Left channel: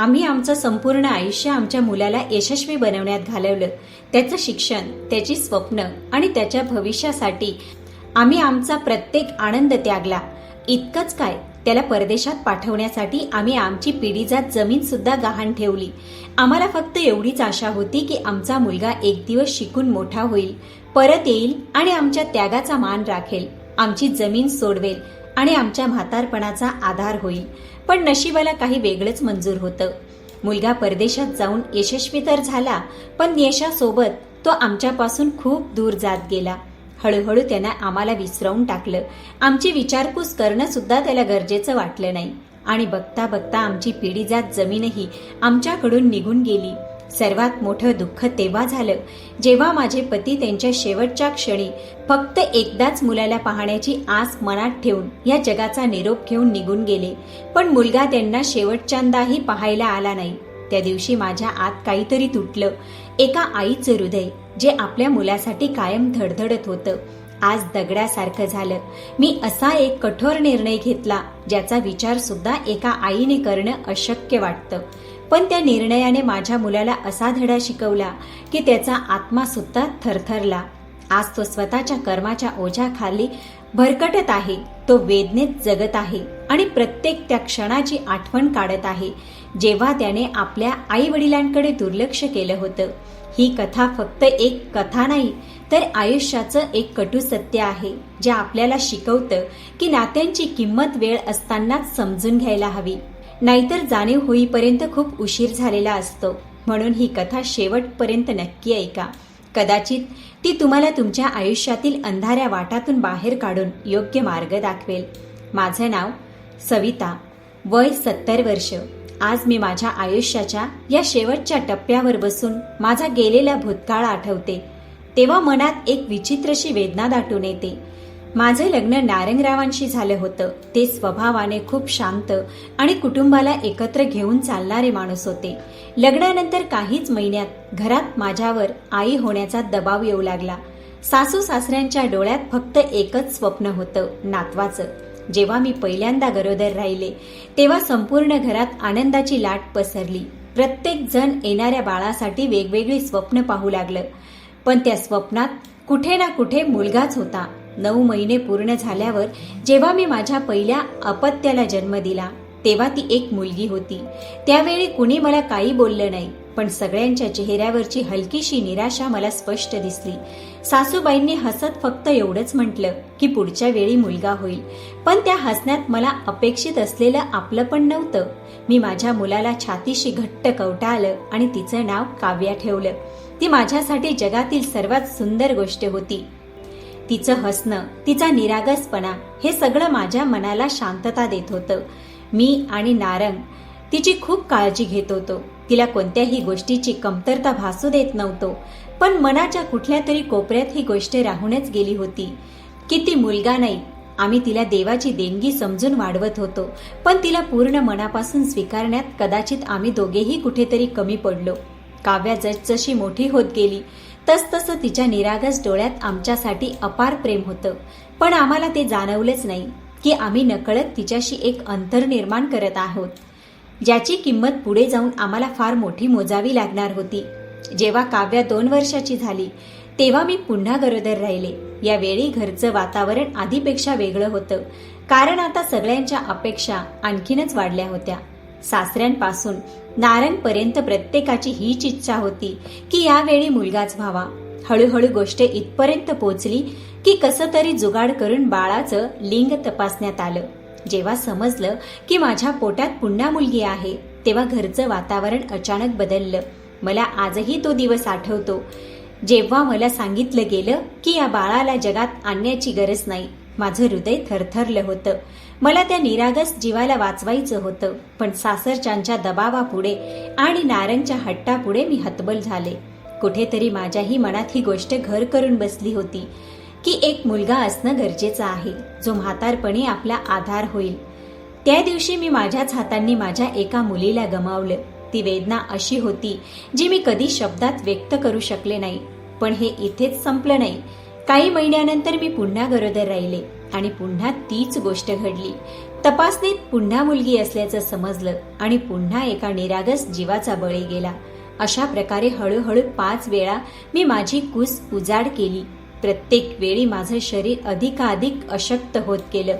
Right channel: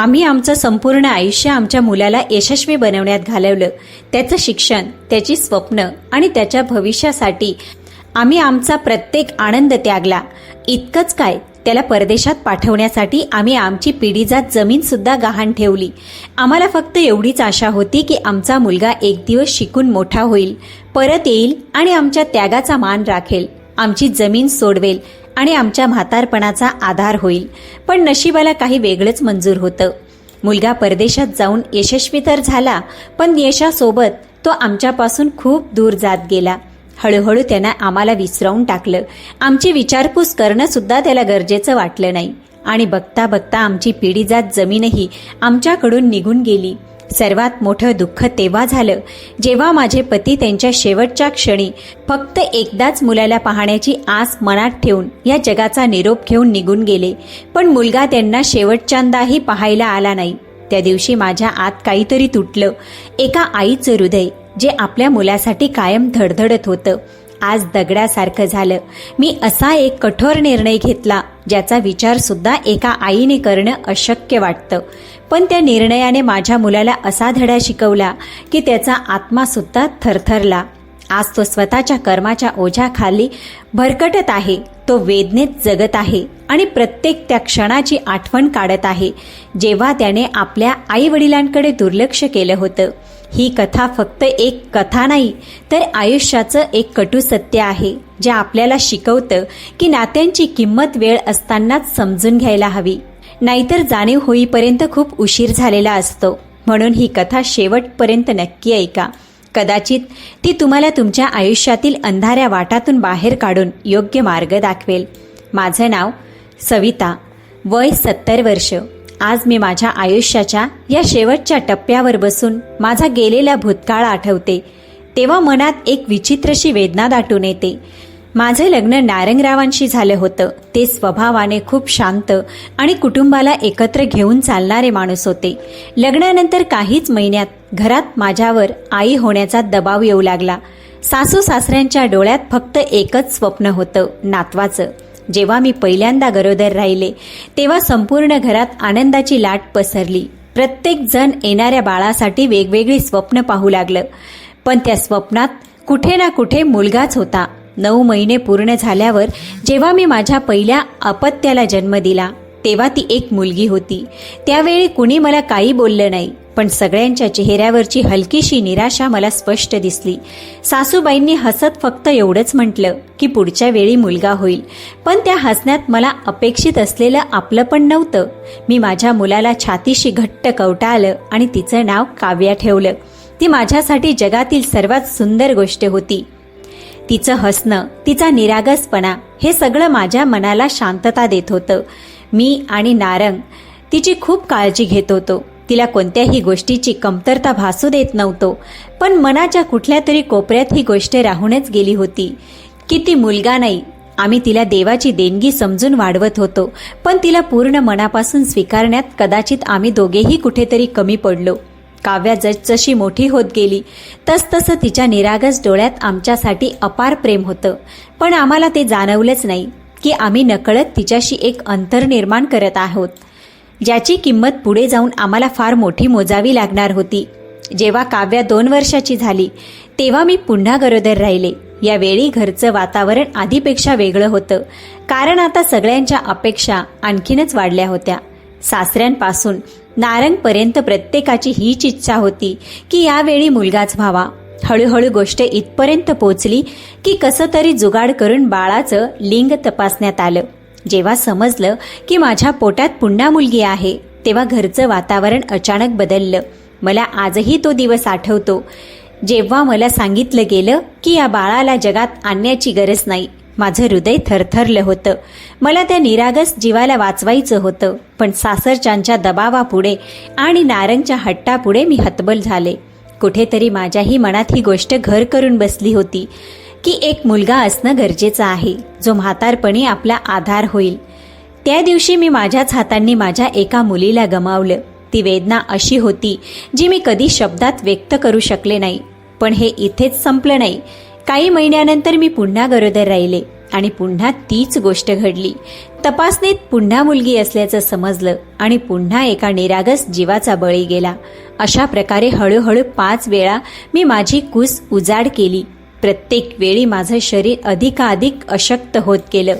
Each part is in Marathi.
आम्ही आमचं संपूर्ण आयुष्य आमच्या मुलाला यशस्वी बनवण्यात घालवलं. त्याचं शिक्षण, त्याची स्वप्न आणि त्याच्या भविष्यासाठी आम्ही आमचा प्रत्येक आनंद त्यागला. इतकंच काय, त्याला परदेशात पाठवण्यासाठी आम्ही आमची पिढीजात जमीन सुद्धा गहाण ठेवली. आम्हाला फक्त एवढीच आशा होती की आमचा मुलगा एक दिवस शिकून मोठा होईल, परत येईल आणि आमच्या त्यागाचा मान राखेल, आमची जमीन सोडवेल आणि आमच्या म्हातारपणाचा आधार होईल. पण नशिबाला काही वेगळंच मंजूर होतं. मुलगा परदेशात जाऊन यशस्वी तर झाला, पण यशासोबत तो आमच्यापासून खूप दूर जात गेला. हळूहळू त्यानं आम्हाला विसरावून टाकलं. आमची विचारपूस करणं सुद्धा त्याला गरजेचं वाटलं नाही आणि बघता बघता आमची पिढीजात जमीनही आमच्याकडून निघून गेली. सर्वात मोठं दुःख तेव्हा झालं जेव्हा माझे पती त्यांच्या शेवटच्या क्षणी फक्त एकदाच मुलाला पाहण्याची आस मनात ठेवून या जगाचा निरोप घेऊन निघून गेले. पण मुलगा त्यांना शेवटच्यांदाही पाहायला आला नाही. त्या दिवशी माझ्या आत काहीतरी तुटलं. एका आईचं हृदय जे आपल्या मुलासाठी कायम धडधडत होतं, आज दगडासारखं झालं. मी असा एक कठोर निर्णय घेतला ज्याचा विचार सुद्धा एका आईने करणं अशक्य वाटतं. पण त्या निर्णयाने माझ्या मुलाला असा धडा शिकवला की त्याचा आत्मा सुद्धा थरथरला. आज तो स्वतःच्या कर्माच्या ओझ्याखाली भरकटत आहे. तो वेदनेत जगत आहे आणि प्रत्येक त्या क्षणाची आठवण काढत आहे जेव्हा त्याने आपल्या आई वडिलांकडे दुर्लक्ष केलं होतं. ही कथा फक्त एक कथा नाही, तर आयुष्याचं एक कटू सत्य आहे जे आपल्याला शिकवतं की नात्यांची किंमत वेळ असतानाच समजून घ्यायला हवी, नाहीतर जाणीव होईपर्यंत खूप उशीर झालेला असतो. म्हणून ही कथा शेवटपर्यंत नक्की ऐका. कदाचित ती तुम्हाला तुमच्या आयुष्यातील अंधाऱ्या वाटातून बाहेर काढून योग्य मार्ग दाखवेल. माझं नाव सविता, वय 70 वर्ष. आज मी माझ्या आयुष्याच्या या शेवटच्या टप्प्यावर बसून माझा गेलेला भूतकाळ आठवते. तेव्हा मनात एक विचित्रशी वेदना दाटून येते. माझं लग्न नारंगरावांशी झालं होतं. ते स्वभावाने खूप शांत आणि कुटुंबाला एकत्र घेऊन चालणारे माणूस होते. लग्नानंतर काहीच महिन्यात घरात माझ्यावर आई होण्याचा दबाव येऊ लागला. सासू सासऱ्यांच्या डोळ्यात फक्त एकच स्वप्न होतं, नातवाचं. जेव्हा मी पहिल्यांदा गरोदर राहिले तेव्हा संपूर्ण घरात आनंदाची लाट पसरली. प्रत्येक जण येणाऱ्या बाळासाठी वेगवेगळी स्वप्न पाहू लागलं. पण त्या स्वप्नात कुठे ना कुठे मुलगाच होता. 9 महिने पूर्ण झाल्यावर जेव्हा मी माझ्या पहिल्या अपत्याला जन्म दिला तेव्हा ती एक मुलगी होती. त्यावेळी कुणी मला काही बोललं नाही, पण सगळ्यांच्या चेहऱ्यावरची हलकीशी निराशा मला स्पष्ट दिसली. सासूबाईंनी हसत फक्त एवढंच म्हटलं की पुढच्या वेळी मुलगा होईल. पण त्या हसण्यात मला अपेक्षित असलेलं आपलं पण नव्हतं. मी माझ्या मुलाला छातीशी घट्ट कवटाळलं आणि तिचं नाव काव्या ठेवलं. ती माझ्यासाठी जगातील सर्वात सुंदर गोष्ट होती. तिचं हसणं, तिचा निरागसपणा हे सगळं माझ्या मनाला शांतता देत होतं. मी आणि नारंग तिची खूप काळजी घेत होतो. तिला कोणत्याही गोष्टीची कमतरता भासू देत नव्हतो. पण मनाच्या कुठल्या तरी कोपऱ्यात ही गोष्ट राहूनच गेली होती की ती मुलगा नाही. आम्ही तिला देवाची देणगी समजून वाढवत होतो, पण तिला पूर्ण मनापासून स्वीकारण्यात कदाचित आम्ही दोघेही कुठेतरी कमी पडलो. काव्या जसजशी मोठी होत गेली तसतसं तिच्या निरागस डोळ्यात आमच्यासाठी अपार प्रेम होतं. पण आम्हाला ते जाणवलंच नाही की आम्ही नकळत तिच्याशी एक अंतर निर्माण करत आहोत, ज्याची किंमत पुढे जाऊन आम्हाला फार मोठी मोजावी लागणार होती. जेव्हा काव्या 2 वर्षाची झाली तेव्हा मी पुन्हा गरोदर राहिले. यावेळी घरचं वातावरण आधीपेक्षा वेगळं होतं, कारण आता सगळ्यांच्या अपेक्षा आणखीनच वाढल्या होत्या. सासऱ्यांपासून नारंगपर्यंत प्रत्येकाची हीच इच्छा होती की यावेळी मुलगाच व्हावा. हळूहळू गोष्ट इथपर्यंत पोचली की कसं तरी जुगाड करून बाळाचं लिंग तपासण्यात आलं. जेव्हा समजलं की माझ्या पोटात पुन्हा मुलगी आहे तेव्हा घरचं वातावरण अचानक बदललं. मला आजही तो दिवस आठवतो जेव्हा मला सांगितलं गेलं की या बाळाला जगात आणण्याची गरज नाही. माझं हृदय थरथरलं होतं. मला त्या निरागस जीवाला वाचवायचं होतं, पण सासरच्यांच्या दबावापुढे आणि नारंगच्या हट्टापुढे मी हतबल झाले. कुठेतरी माझ्याही मनात ही गोष्ट घर करून बसली होती की एक मुलगा असणं गरजेचं आहे, जो म्हातारपणी आपला आधार होईल. त्या दिवशी मी माझ्याच हातांनी माझ्या एका मुलीला गमावलं. ती वेदना अशी होती जी मी कधी शब्दात व्यक्त करू शकले नाही. पण हे इथेच संपलं नाही. काही महिन्यानंतर मी पुन्हा गरोदर राहिले आणि पुन्हा तीच गोष्ट घडली. तपासणीत पुन्हा मुलगी असल्याचं समजलं आणि पुन्हा एका निरागस जीवाचा बळी गेला. अशा प्रकारे हळूहळू 5 वेळा मी माझी कूस उजाड केली. प्रत्येक वेळी माझं शरीर अधिकाधिक अशक्त होत गेलं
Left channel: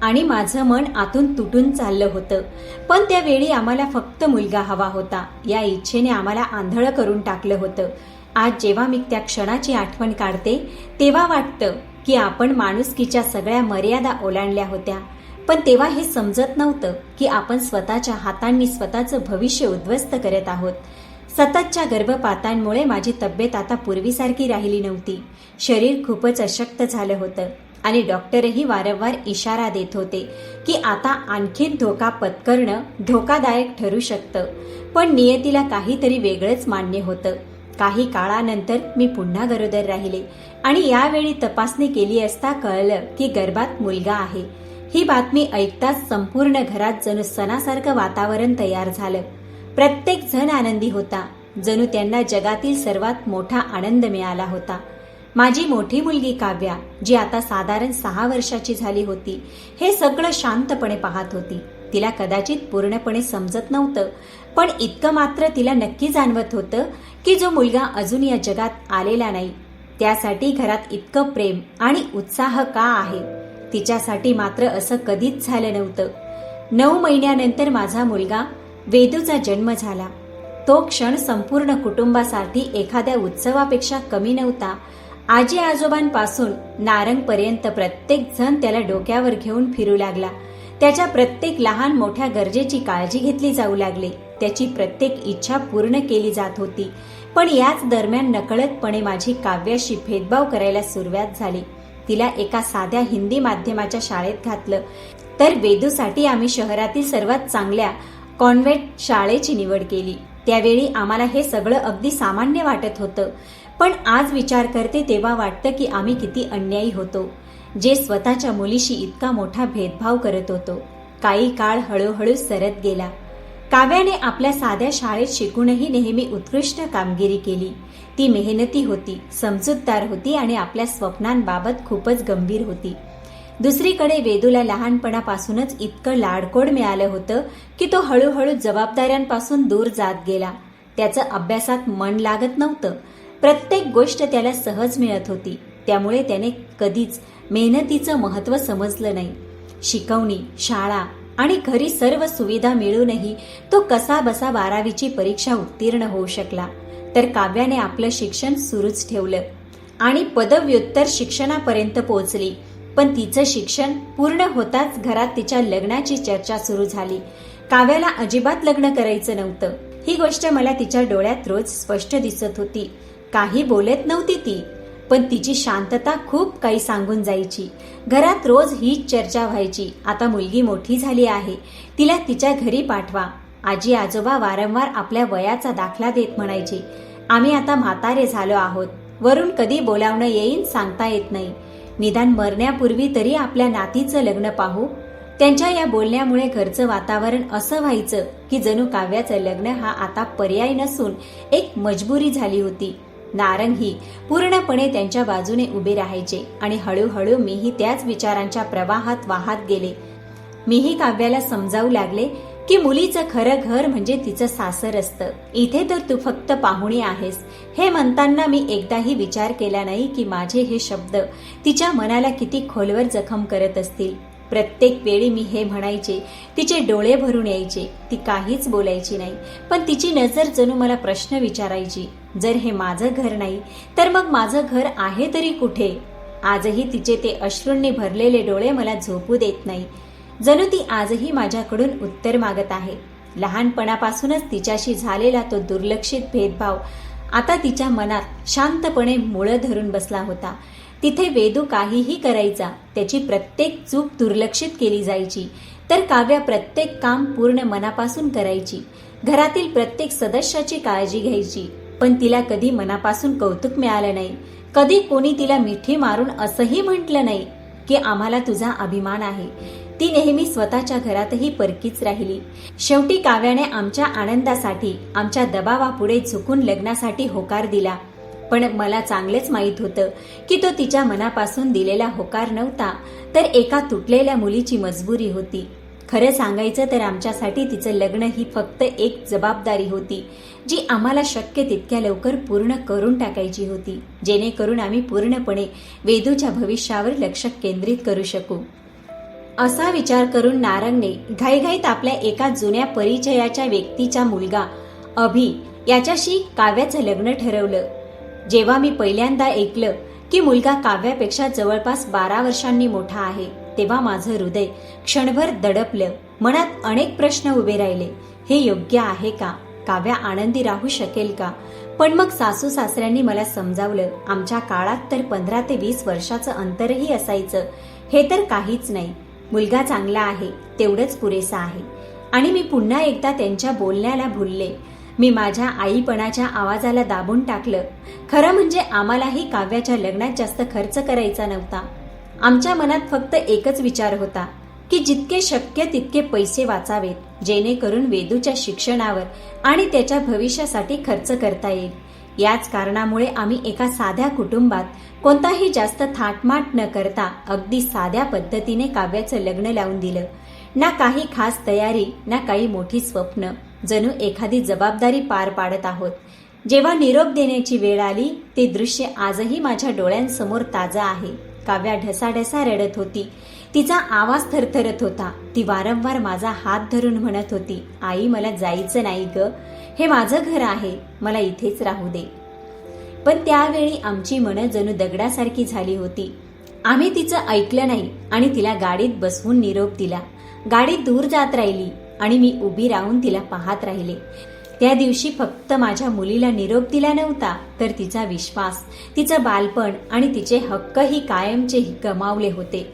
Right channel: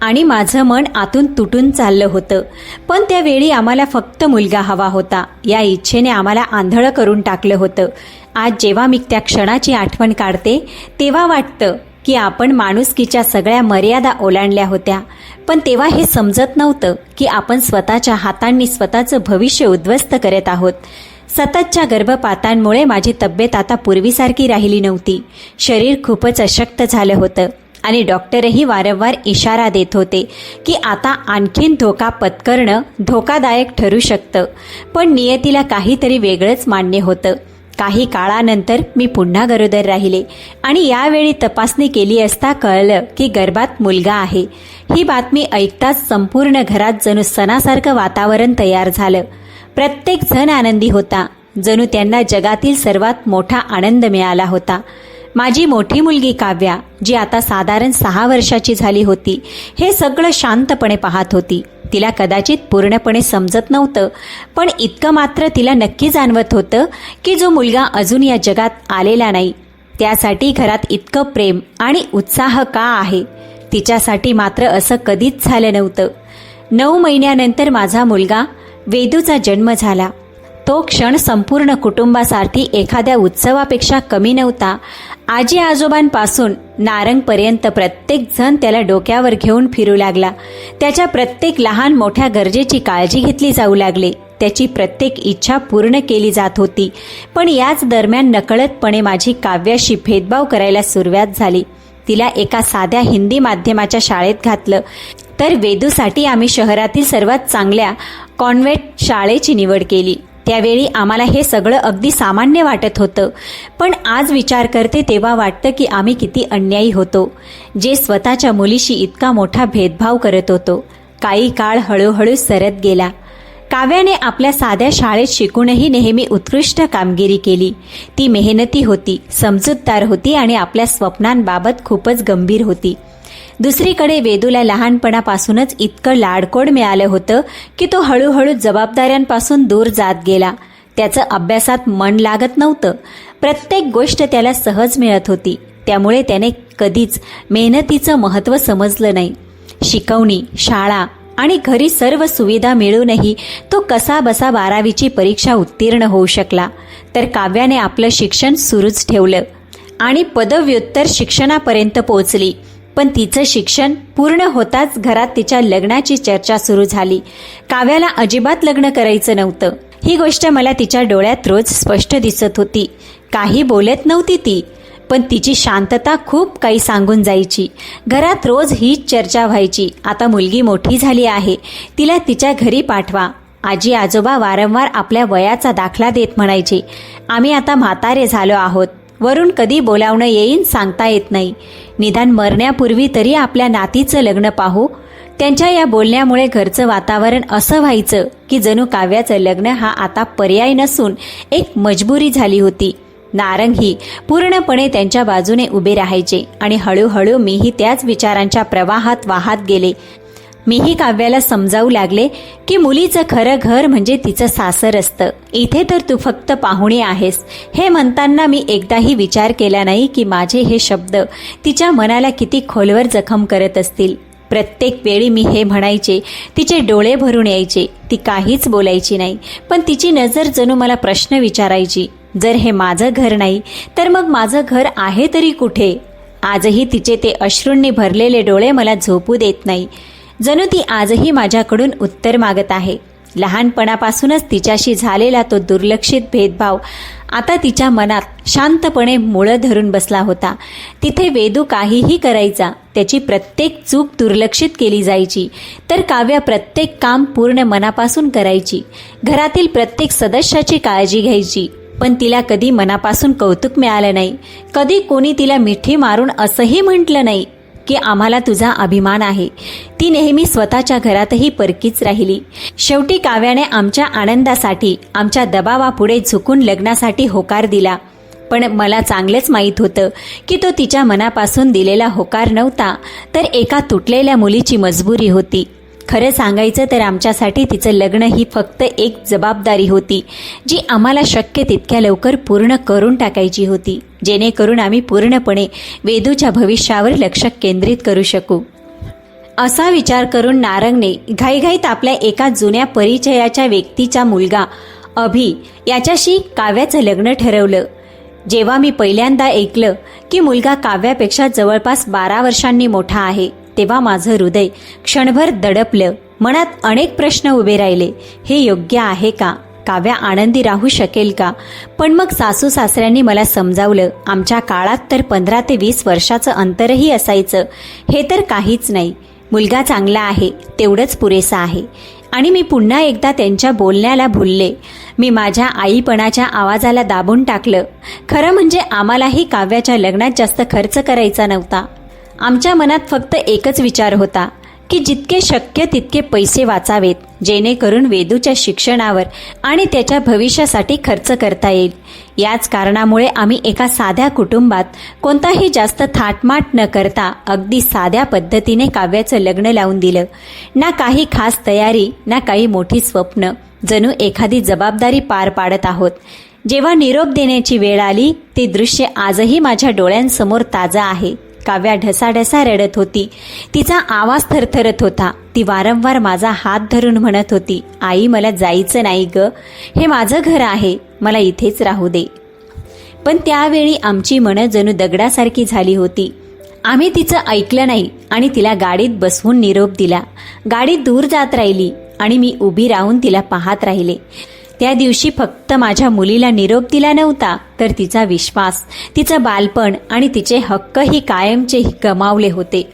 आणि माझं मन आतून तुटून चाललं होतं. पण त्यावेळी आम्हाला फक्त मुलगा हवा होता. या इच्छेने आम्हाला आंधळं करून टाकलं होतं. आज जेव्हा मी त्या क्षणाची आठवण काढते तेव्हा वाटतं की आपण माणुसकीच्या सगळ्या मर्यादा ओलांडल्या होत्या. पण तेव्हा हे समजत नव्हतं की आपण स्वतःच्या हातांनी स्वतःचं भविष्य उद्ध्वस्त करत आहोत. सततच्या गर्भपातांमुळे माझी तब्येत आता पूर्वीसारखी राहिली नव्हती. शरीर खूपच अशक्त झालं होतं आणि डॉक्टरही वारंवार इशारा देत होते की आता आणखीन धोका पत्करणं धोकादायक ठरू शकतं. पण नियतीला काहीतरी वेगळंच मान्य होतं. काही काळानंतर मी पुन्हा गरोदर राहिले आणि यावेळी तपासणी केली असता कळलं की गर्भात मुलगा आहे. ही बातमी ऐकताच संपूर्ण घरात जणू सणासारखं वातावरण तयार झालं. प्रत्येक जण आनंदी होता. जणू त्यांना जगातील सर्वात मोठा आनंद मिळाला होता. माझी मोठी मुलगी काव्या, जी आता साधारण 6 वर्षाची झाली होती, हे सगळं शांतपणे पाहत होती. तिला कदाचित पूर्णपणे समजत नव्हतं, पण इतकं मात्र तिला नक्की जाणवत होतं की जो मुलगा अजून या जगात आलेला नाही त्यासाठी घरात इतकं प्रेम आणि उत्साह का आहे. तिच्यासाठी मात्र असं कधीच झालं नव्हतं. 9 महिन्यानंतर माझा मुलगा वेदूचा जन्म झाला. तो क्षण संपूर्ण कुटुंबासाठी एखाद्या उत्सवापेक्षा कमी नव्हता. आजी आजोबांपासून नारंगपर्यंत प्रत्येक जण त्याला डोक्यावर घेऊन फिरू लागला. त्याच्या प्रत्येक लहान मोठ्या गरजेची काळजी घेतली जाऊ लागली. त्याची प्रत्येक इच्छा पूर्ण केली जात होती. पण याच दरम्यान नकळतपणे माझी काव्याशी भेदभाव करायला सुरुवात झाली. तिला एका साध्या हिंदी माध्यमाच्या शाळेत घातलं, तर वेदूसाठी आम्ही शहरातील सर्वात चांगल्या कॉन्व्हेंट शाळेची निवड केली. त्यावेळी आम्हाला हे सगळं अगदी सामान्य वाटत होतं. पण आज विचार करते तेव्हा वाटतं की आम्ही किती अन्यायी होतो, जे स्वतःच्या मुलीशी इतका मोठा भेदभाव करत होतो. काही काळ हळूहळू सरत गेला. काव्याने आपल्या साध्या शाळेत शिकूनही नेहमी उत्कृष्ट कामगिरी केली. ती मेहनती होती, समजूतदार होती आणि आपल्या स्वप्नांबाबत खूपच गंभीर होती. दुसरीकडे वेदूला लहानपणापासूनच इतकं लाडकोड मिळालं होतं की तो हळूहळू जबाबदाऱ्यांपासून दूर जात गेला. त्याचं अभ्यासात मन लागत नव्हतं. प्रत्येक गोष्ट त्याला सहज मिळत होती. त्यामुळे त्याने कधीच मेहनतीचं महत्त्व समजलं नाही. शिकवणी, शाळा आणि घरी सर्व सुविधा मिळूनही तो कसाबसा 12वीची परीक्षा उत्तीर्ण होऊ शकला. तर काव्याने आपलं शिक्षण सुरूच ठेवलं आणि पदव्युत्तर शिक्षणापर्यंत पोहोचली. पण तिचं शिक्षण पूर्ण होताच घरात तिच्या लग्नाची चर्चा सुरू झाली. काव्याला अजिबात लग्न करायचं नव्हतं. ही गोष्ट मला तिच्या डोळ्यात रोज स्पष्ट दिसत होती. काही बोलत नव्हती ती, पण तिची शांतता खूप काही सांगून जायची. घरात रोज हीच चर्चा व्हायची. आता मुलगी मोठी झाली आहे, तिला तिच्या घरी पाठवा. आजी आजोबा वारंवार आपल्या वयाचा दाखला देत म्हणायचे. आम्ही आता म्हातारे झालो आहोत. वरून कधी बोलावणं येईन सांगता येत नाही. निदान मरण्यापूर्वी तरी आपल्या नातीचं लग्न पाहू. त्यांच्या या बोलण्यामुळे घरचं वातावरण असं व्हायचं की जणू काव्याचं लग्न हा आता पर्याय नसून एक मजबुरी झाली होती. नारंगही पूर्णपणे त्यांच्या बाजूने उभे राहायचे आणि हळूहळू मीही त्याच विचारांच्या प्रवाहात वाहत गेले. मीही काव्याला समजावू लागले की मुलीचं खरं घर म्हणजे तिचं सासर असतं. इथे तर तू फक्त पाहुणी आहेस. हे म्हणताना मी एकदाही विचार केला नाही की माझे हे शब्द तिच्या मनाला किती खोलवर जखम करत असतील. प्रत्येक वेळी मी हे म्हणायचे, तिचे डोळे भरून यायचे. ती काहीच बोलायची नाही, पण तिची नजर जणू मला प्रश्न विचारायची. जर हे माझं घर नाही तर मग माझं घर आहे तरी कुठे? आजही तिचे ते अश्रूंनी भरलेले डोळे मला झोपू देत नाही. जणू ती आजही माझ्याकडून उत्तर मागत आहे. लहानपणापासूनच तिच्याशी झालेला तो दुर्लक्षित भेदभाव आता तिच्या मनात शांतपणे मुळं धरून बसला होता. तिथे वेदू काहीही करायचा, त्याची प्रत्येक चूक दुर्लक्षित केली जायची, तर काव्या प्रत्येक काम पूर्ण मनापासून करायची. घरातील प्रत्येक सदस्याची काळजी घ्यायची. पण तिला कधी मनापासून कौतुक मिळालं नाही. कधी कोणी तिला मिठी मारून असंही म्हटलं नाही की आम्हाला तुझा अभिमान आहे. ती नेहमी स्वतःच्या घरातही परकीच राहिली. शेवटी काव्याने आमच्या आनंदासाठी आमच्या दबावापुढे झुकून लग्नासाठी होकार दिला. पण मला चांगलंच माहीत होतं की तो तिच्या मनापासून दिलेला होकार नव्हता, तर एका तुटलेल्या मुलीची मजबुरी होती. खरं सांगायचं तर आमच्यासाठी तिचं लग्न ही फक्त एक जबाबदारी होती, जी आम्हाला शक्य तितक्या लवकर पूर्ण करून टाकायची होती, जेणेकरून आम्ही पूर्णपणे वेदूच्या भविष्यावर लक्ष केंद्रित करू शकू. असा विचार करून नारंगने घाईघाईत आपल्या एका जुन्या परिचयाच्या व्यक्तीचा मुलगा अभि याच्याशी काव्याचं लग्न ठरवलं. जेव्हा मी पहिल्यांदा ऐकलं की मुलगा काव्यापेक्षा जवळपास 12 वर्षांनी मोठा आहे, तेव्हा माझं हृदय क्षणभर दडपलं. मनात अनेक प्रश्न उभे राहिले. हे योग्य आहे का? काव्या आनंदी राहू शकेल का? पण मग सासू सासऱ्यांनी मला समजावलं, आमच्या काळात तर 15 ते 20 वर्षाचं अंतरही असायचं. हे तर काहीच नाही. मुलगा चांगला आहे, तेवढंच पुरेसा आहे. आणि मी पुन्हा एकदा त्यांच्या बोलण्याला भुलले. मी माझ्या आईपणाच्या आवाजाला दाबून टाकलं. खरं म्हणजे आम्हालाही काव्याच्या लग्नात जास्त खर्च करायचा नव्हता. आमच्या मनात फक्त एकच विचार होता की जितके शक्य तितके पैसे वाचावेत, जेणेकरून वेदूच्या शिक्षणावर आणि त्याच्या भविष्यासाठी खर्च करता येईल. याच कारणामुळे आम्ही एका साध्या कुटुंबात कोणताही जास्त थाटमाट न करता अगदी साध्या पद्धतीने काव्याचं लग्न लावून दिलं. ना काही खास तयारी, ना काही मोठी स्वप्न, जणू एखादी जबाबदारी पार पाडत आहोत. जेव्हा निरोप देण्याची वेळ आली, ते दृश्य आजही माझ्या डोळ्यांसमोर ताजं आहे. काव्या ढसाढसा रडत होती. तिचा आवाज थरथरत होता. ती वारंवार माझा हात धरून म्हणत होती, आई मला जायचं नाही ग, हे माझं घर आहे, मला इथेच राहू दे. पण त्यावेळी आमची मनं जणू दगडासारखी झाली होती. आम्ही तिचं ऐकलं नाही आणि तिला गाडीत बसवून निरोप दिला. गाडी दूर जात राहिली आणि मी उभी राहून तिला पाहत राहिले. त्या दिवशी फक्त माझ्या मुलीला निरोप दिला नव्हता, तर तिचा विश्वास, तिचं बालपण आणि तिचे हक्कही कायमचे गमावले होते.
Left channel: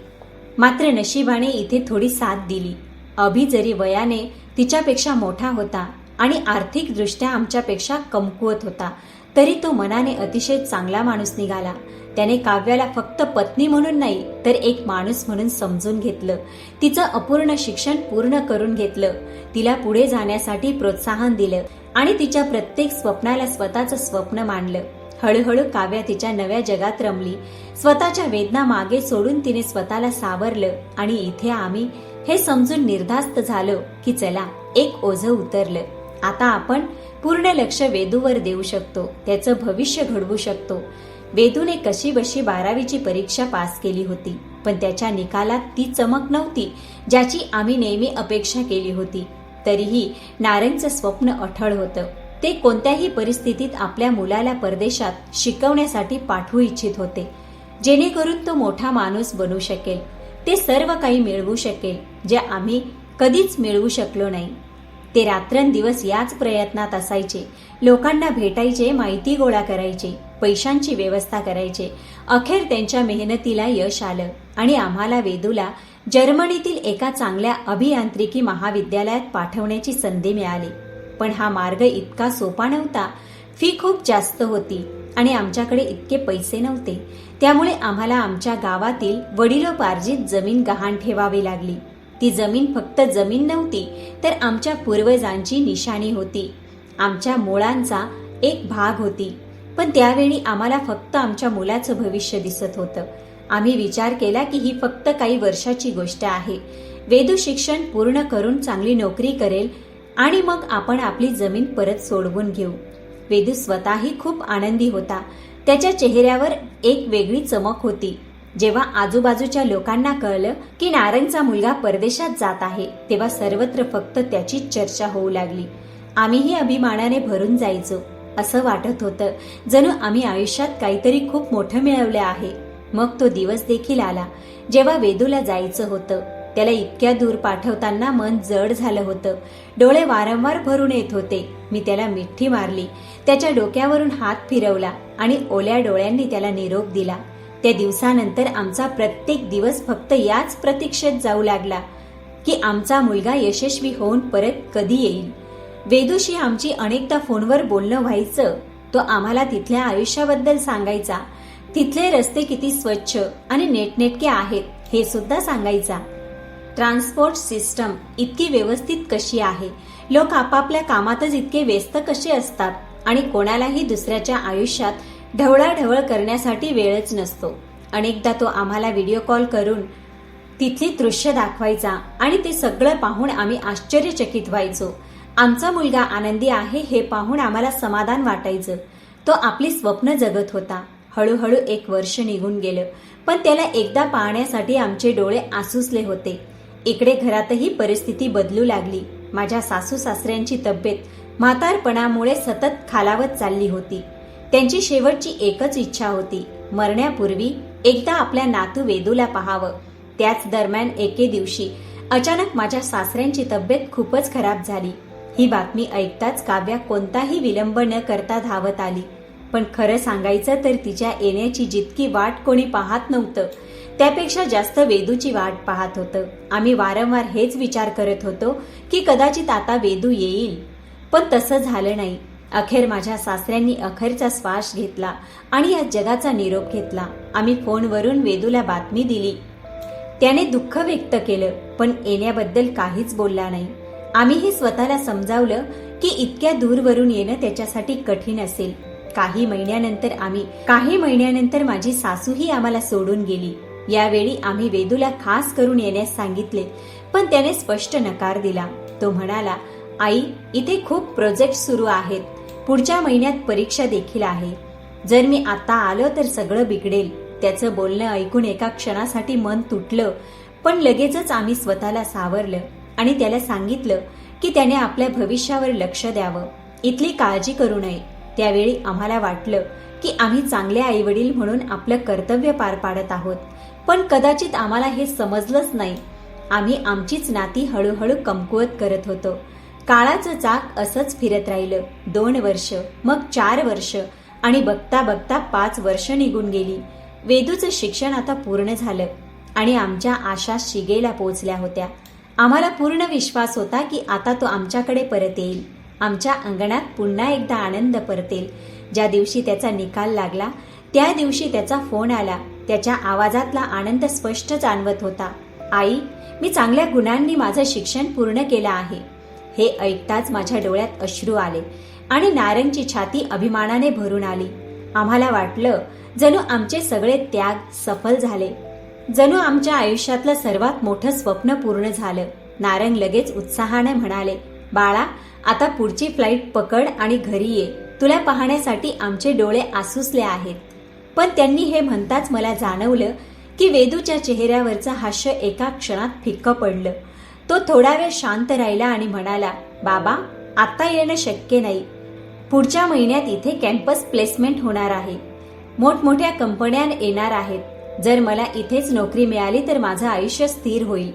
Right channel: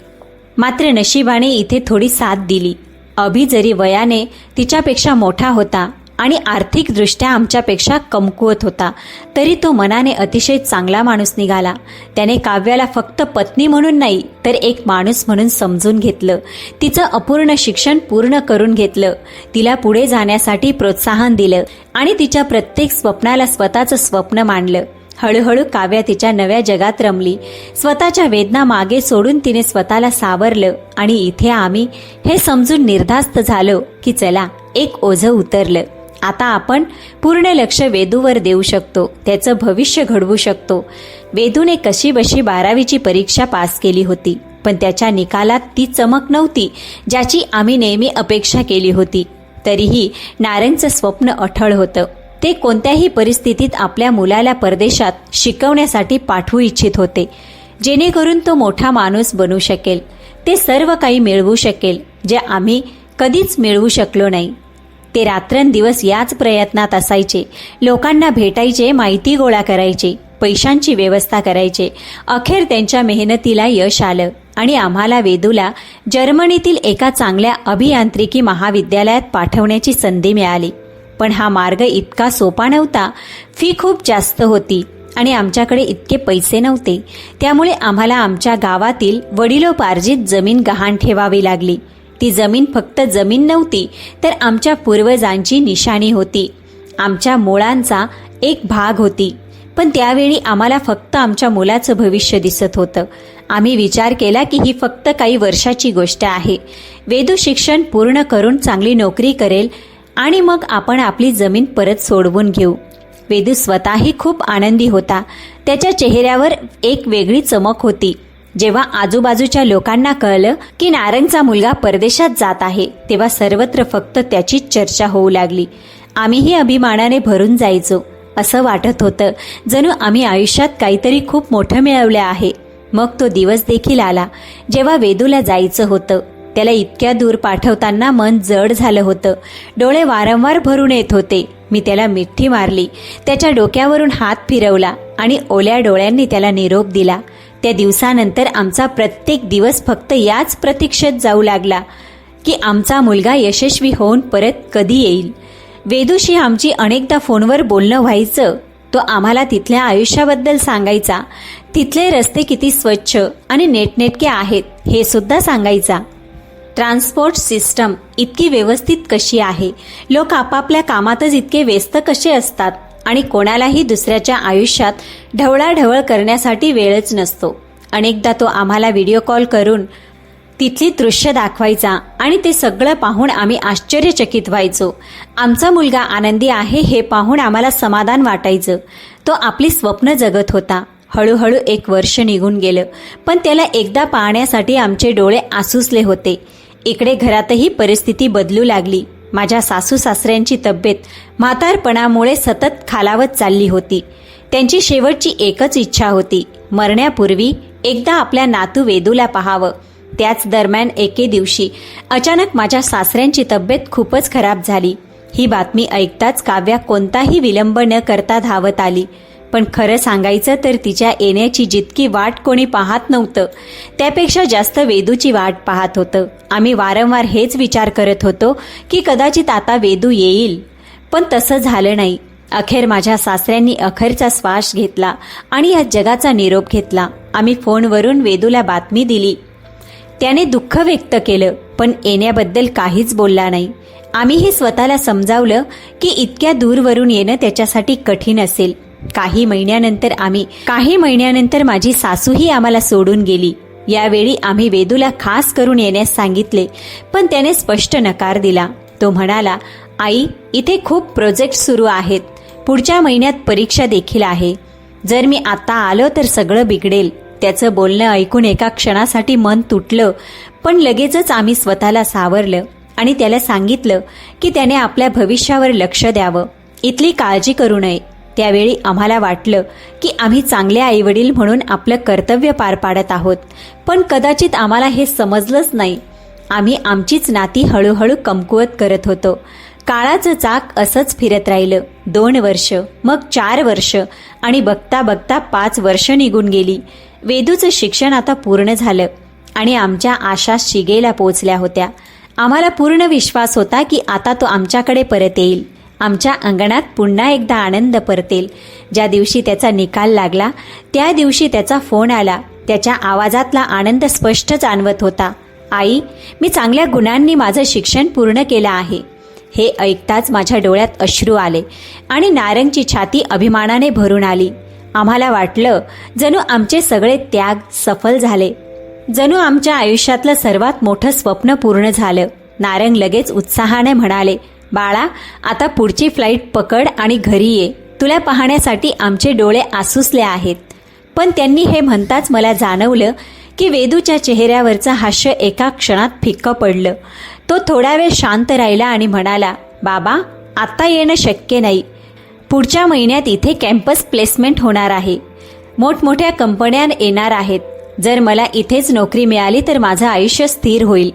मात्र नशिबाने इथे थोडी साथ दिली. अभि जरी वयाने तिच्यापेक्षा मोठा होता आणि आर्थिकदृष्ट्या आमच्यापेक्षा कमकुवत होता, तरी तो मनाने अतिशय चांगला माणूस निघाला. त्याने काव्याला फक्त पत्नी म्हणून नाही, तर एक माणूस म्हणून समजून घेतलं. तिचं अपूर्ण शिक्षण पूर्ण करून घेतलं. तिला पुढे जाण्यासाठी प्रोत्साहन दिलं आणि तिच्या प्रत्येक स्वप्नाला स्वतःचं स्वप्न मानलं. हळूहळू काव्या तिच्या नव्या जगात रमली. स्वतःच्या वेदना मागे सोडून तिने स्वतःला सावरलं आणि इथे आम्ही हे समजून निर्धास्त झालो की चला, एक ओझं उतरलं. आता आपण पूर्ण लक्ष वेदूवर देऊ शकतो, त्याचं भविष्य घडवू शकतो. वेदूने कशीबशी 12वीची परीक्षा पास केली होती, पण त्याच्या निकालात ती चमक नव्हती ज्याची आम्ही नेहमी अपेक्षा केली होती. तरीही नारंगचं स्वप्न अठळ होतं. ते कोणत्याही परिस्थितीत आपल्या मुलाला परदेशात शिकवण्यासाठी पाठवू इच्छित होते, जेणेकरून तो मोठा माणूस बनू शकेल. ते सर्व काही मिळवू शकेल जे आम्ही कधीच मिळवू शकलो नाही. ते रात्रंदिवस याच प्रयत्नात असायचे. लोकांना भेटायचे, माहिती गोळा करायचे, पैशांची व्यवस्था करायचे. अखेर त्यांच्या मेहनतीला यश आलं आणि आम्हाला वेदूला जर्मनीतील एका चांगल्या अभियांत्रिकी महाविद्यालयात पाठवण्याची संधी मिळाली. पण हा मार्ग इतका सोपा नव्हता. फी खूप जास्त होती आणि आमच्याकडे इतके पैसे नव्हते. त्यामुळे आम्हाला आमच्या गावातील वडिलोपार्जित जमीन गहाण ठेवावी लागली. ती जमीन फक्त जमीन नव्हती, तर आमच्या पूर्वजांची निशाणी होती, आमच्या मुळांचा एक भाग होती. पण त्यावेळी आम्हाला फक्त आमच्या मुलाचं भविष्य दिसत होतं. आम्ही विचार केला की ही फक्त काही वर्षाची गोष्ट आहे. वेदू शिक्षण पूर्ण करून चांगली नोकरी करेल आणि मग आपण आपली जमीन परत सोडवून घेऊ. वेदू स्वतःही खूप आनंदी होता. त्याच्या चेहऱ्यावर एक वेगळी चमक होती. जेव्हा आजूबाजूच्या लोकांना कळलं की नारंगचा मुलगा परदेशात जात आहे, तेव्हा सर्वत्र फक्त त्याचीच चर्चा होऊ लागली. आम्हीही अभिमानाने भरून जायचो. असं वाटत होतं जणू आम्ही आयुष्यात काहीतरी खूप मोठं मिळवलं आहे. मग तो दिवस देखील आला जेव्हा वेदूला जायचं होतं. त्याला इतक्या दूर पाठवताना मन जड झालं होतं. डोळे वारंवार भरून येत होते. मी त्याला मिठी मारली, त्याच्या डोक्यावरून हात फिरवला आणि ओल्या डोळ्यांनी त्याला निरोप दिला. त्या दिवसानंतर आमचा प्रत्येक दिवस फक्त याच प्रतीक्षेत जाऊ लागला की आमचा मुलगा यशस्वी होऊन परत कधी येईल. वेदूशी आमची अनेकदा फोनवर बोलणं व्हायचं. तो आम्हाला तिथल्या आयुष्याबद्दल सांगायचा. तिथले रस्ते किती स्वच्छ आणि नेटनेटके आहेत हे सुद्धा सांगायचा. ट्रान्सपोर्ट सिस्टम इतकी व्यवस्थित कशी आहे, लोक आपापल्या कामातच इतके व्यस्त कसे असतात आणि कोणालाही दुसऱ्याच्या आयुष्यात ढवळाढवळ करण्यासाठी वेळच नसतो. अनेकदा तो आम्हाला व्हिडिओ कॉल करून तिथली दृश्य दाखवायचा आणि ते सगळं पाहून आम्ही आश्चर्यचकित व्हायचो. आमचा मुलगा आनंदी आहे हे पाहून आम्हाला समाधान वाटायचं. तो आपली स्वप्न जगत होता. हळूहळू 1 वर्ष निघून गेलं, पण त्याला एकदा पाहण्यासाठी आमचे डोळे आसुसले होते. इकडे घरातही परिस्थिती बदलू लागली. माझ्या सासू सासऱ्यांची तब्येत म्हातारपणामुळे सतत खालावत चालली होती. त्यांची शेवटची एकच इच्छा होती, मरण्यापूर्वी एकदा आपल्या नातू वेदूला पाहावं. त्याच दरम्यान एके दिवशी अचानक माझ्या सासऱ्यांची तब्येत खूपच खराब झाली. ही बातमी ऐकताच काव्या कोणताही विलंब न करता धावत आली. पण खरं सांगायचं तर तिच्या येण्याची जितकी वाट कोणी पाहत नव्हतं, त्यापेक्षा जास्त वेदूची वाट पाहत होतं. आम्ही वारंवार हेच विचार करत होतो की कदाचित आता वेदू येईल, पण तसं झालं नाही. अखेर माझ्या सासऱ्यांनी अखेरचा श्वास घेतला आणि या जगाचा निरोप घेतला. आम्ही फोनवरून वेदूला बातमी दिली. त्याने दुःख व्यक्त केलं, पण येण्याबद्दल काहीच बोलला नाही. आम्हीही स्वतःला समजावलं की इतक्या दूरवरून येणं त्याच्यासाठी कठीण असेल. काही महिन्यानंतर माझी सासूही आम्हाला सोडून गेली. यावेळी आम्ही वेदूला खास करून येण्यास सांगितले, पण त्याने स्पष्ट नकार दिला. तो म्हणाला, आई, इथे खूप प्रोजेक्ट सुरू आहेत. पुढच्या महिन्यात परीक्षा देखील आहे. जर मी आता आलो तर सगळं बिघडेल. त्याचं बोलणं ऐकून एका क्षणासाठी मन तुटलं, पण लगेचच आम्ही स्वतःला सावरलं आणि त्याला सांगितलं की त्याने आपल्या भविष्यावर लक्ष द्यावं, इथली काळजी करू नये. त्यावेळी आम्हाला वाटलं की आम्ही चांगले आईवडील म्हणून आपलं कर्तव्य पार पाडत आहोत, पण कदाचित आम्हाला हे समजलंच नाही. आम्ही आमचीच नाती हळूहळू कमकुवत करत होतो. काळाचं चाक असंच फिरत राहिलं. 2 वर्ष, मग 4 वर्ष आणि बघता बघता 5 वर्ष निघून गेली. वेदूचं शिक्षण आता पूर्ण झालं आणि आमच्या आशा शिगेला पोचल्या होत्या. आम्हाला पूर्ण विश्वास होता की आता तो आमच्याकडे परत येईल. आमच्या अंगणात पुन्हा एकदा आनंद परतेल. ज्या दिवशी त्याचा निकाल लागला त्या दिवशी त्याचा फोन आला. त्याच्या आवाजातला आनंद स्पष्ट जाणवत होता. आई, मी चांगल्या गुणांनी माझं शिक्षण पूर्ण केलं आहे. हे ऐकताच माझ्या डोळ्यात अश्रू आले आणि नारंगची छाती अभिमानाने भरून आली. आम्हाला वाटलं जणू आमचे सगळे त्याग सफल झाले, जणू आमच्या आयुष्यातलं सर्वात मोठं स्वप्न पूर्ण झालं. नारंग लगेच उत्साहाने म्हणाले, बाळा, आता पुढची फ्लाईट पकड आणि घरी ये. तुला पाहण्यासाठी आमचे डोळे आसुसले आहेत. पण त्यांनी हे म्हणताच मला जाणवलं की वेदूच्या चेहऱ्यावरचं हास्य एका क्षणात फिक्कं पडलं. तो थोडा वेळ शांत राहिला आणि म्हणाला, बाबा, आता येणं शक्य नाही. पुढच्या महिन्यात इथे कॅम्पस प्लेसमेंट होणार आहे. मोठमोठ्या कंपन्या येणार आहेत. जर मला इथेच नोकरी मिळाली तर माझं आयुष्य स्थिर होईल.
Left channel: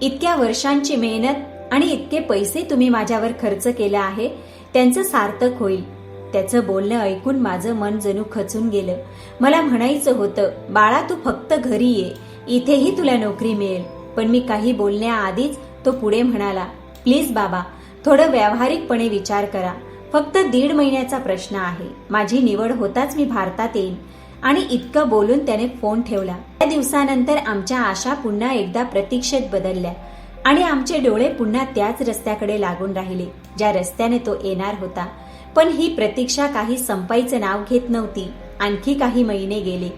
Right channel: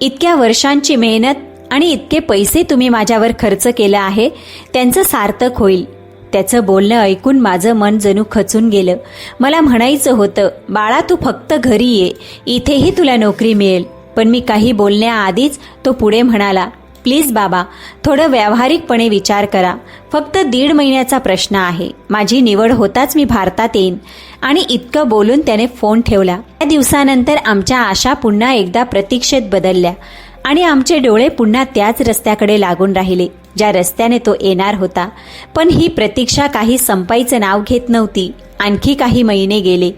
इतक्या वर्षांची मेहनत आणि इतके पैसे तुम्ही माझ्यावर खर्च केलं आहे, त्यांचं सार्थक होईल. त्याचं बोलणं ऐकून माझं मन जणू खचून गेलं. मला म्हणायचं होतं, बाळा, तू फक्त घरी ये, इथेही तुला नोकरी मिळेल. पण मी काही बोलण्याआधीच तो पुढे म्हणाला, प्लीज बाबा, थोडं व्यावहारिकपणे विचार करा. फक्त 1.5 महिन्याचा प्रश्न आहे. माझी निवड होताच मी भारतात येईन. आणि इतकं बोलून त्याने फोन ठेवला. त्या दिवसानंतर आमच्या आशा पुन्हा एकदा प्रतीक्षेत बदलल्या आणि आमचे डोळे पुन्हा त्याच रस्त्याकडे लागून राहिले ज्या रस्त्याने तो येणार होता. पण ही प्रतीक्षा काही संपायचं नाव घेत नव्हती. आणखी काही महिने गेले,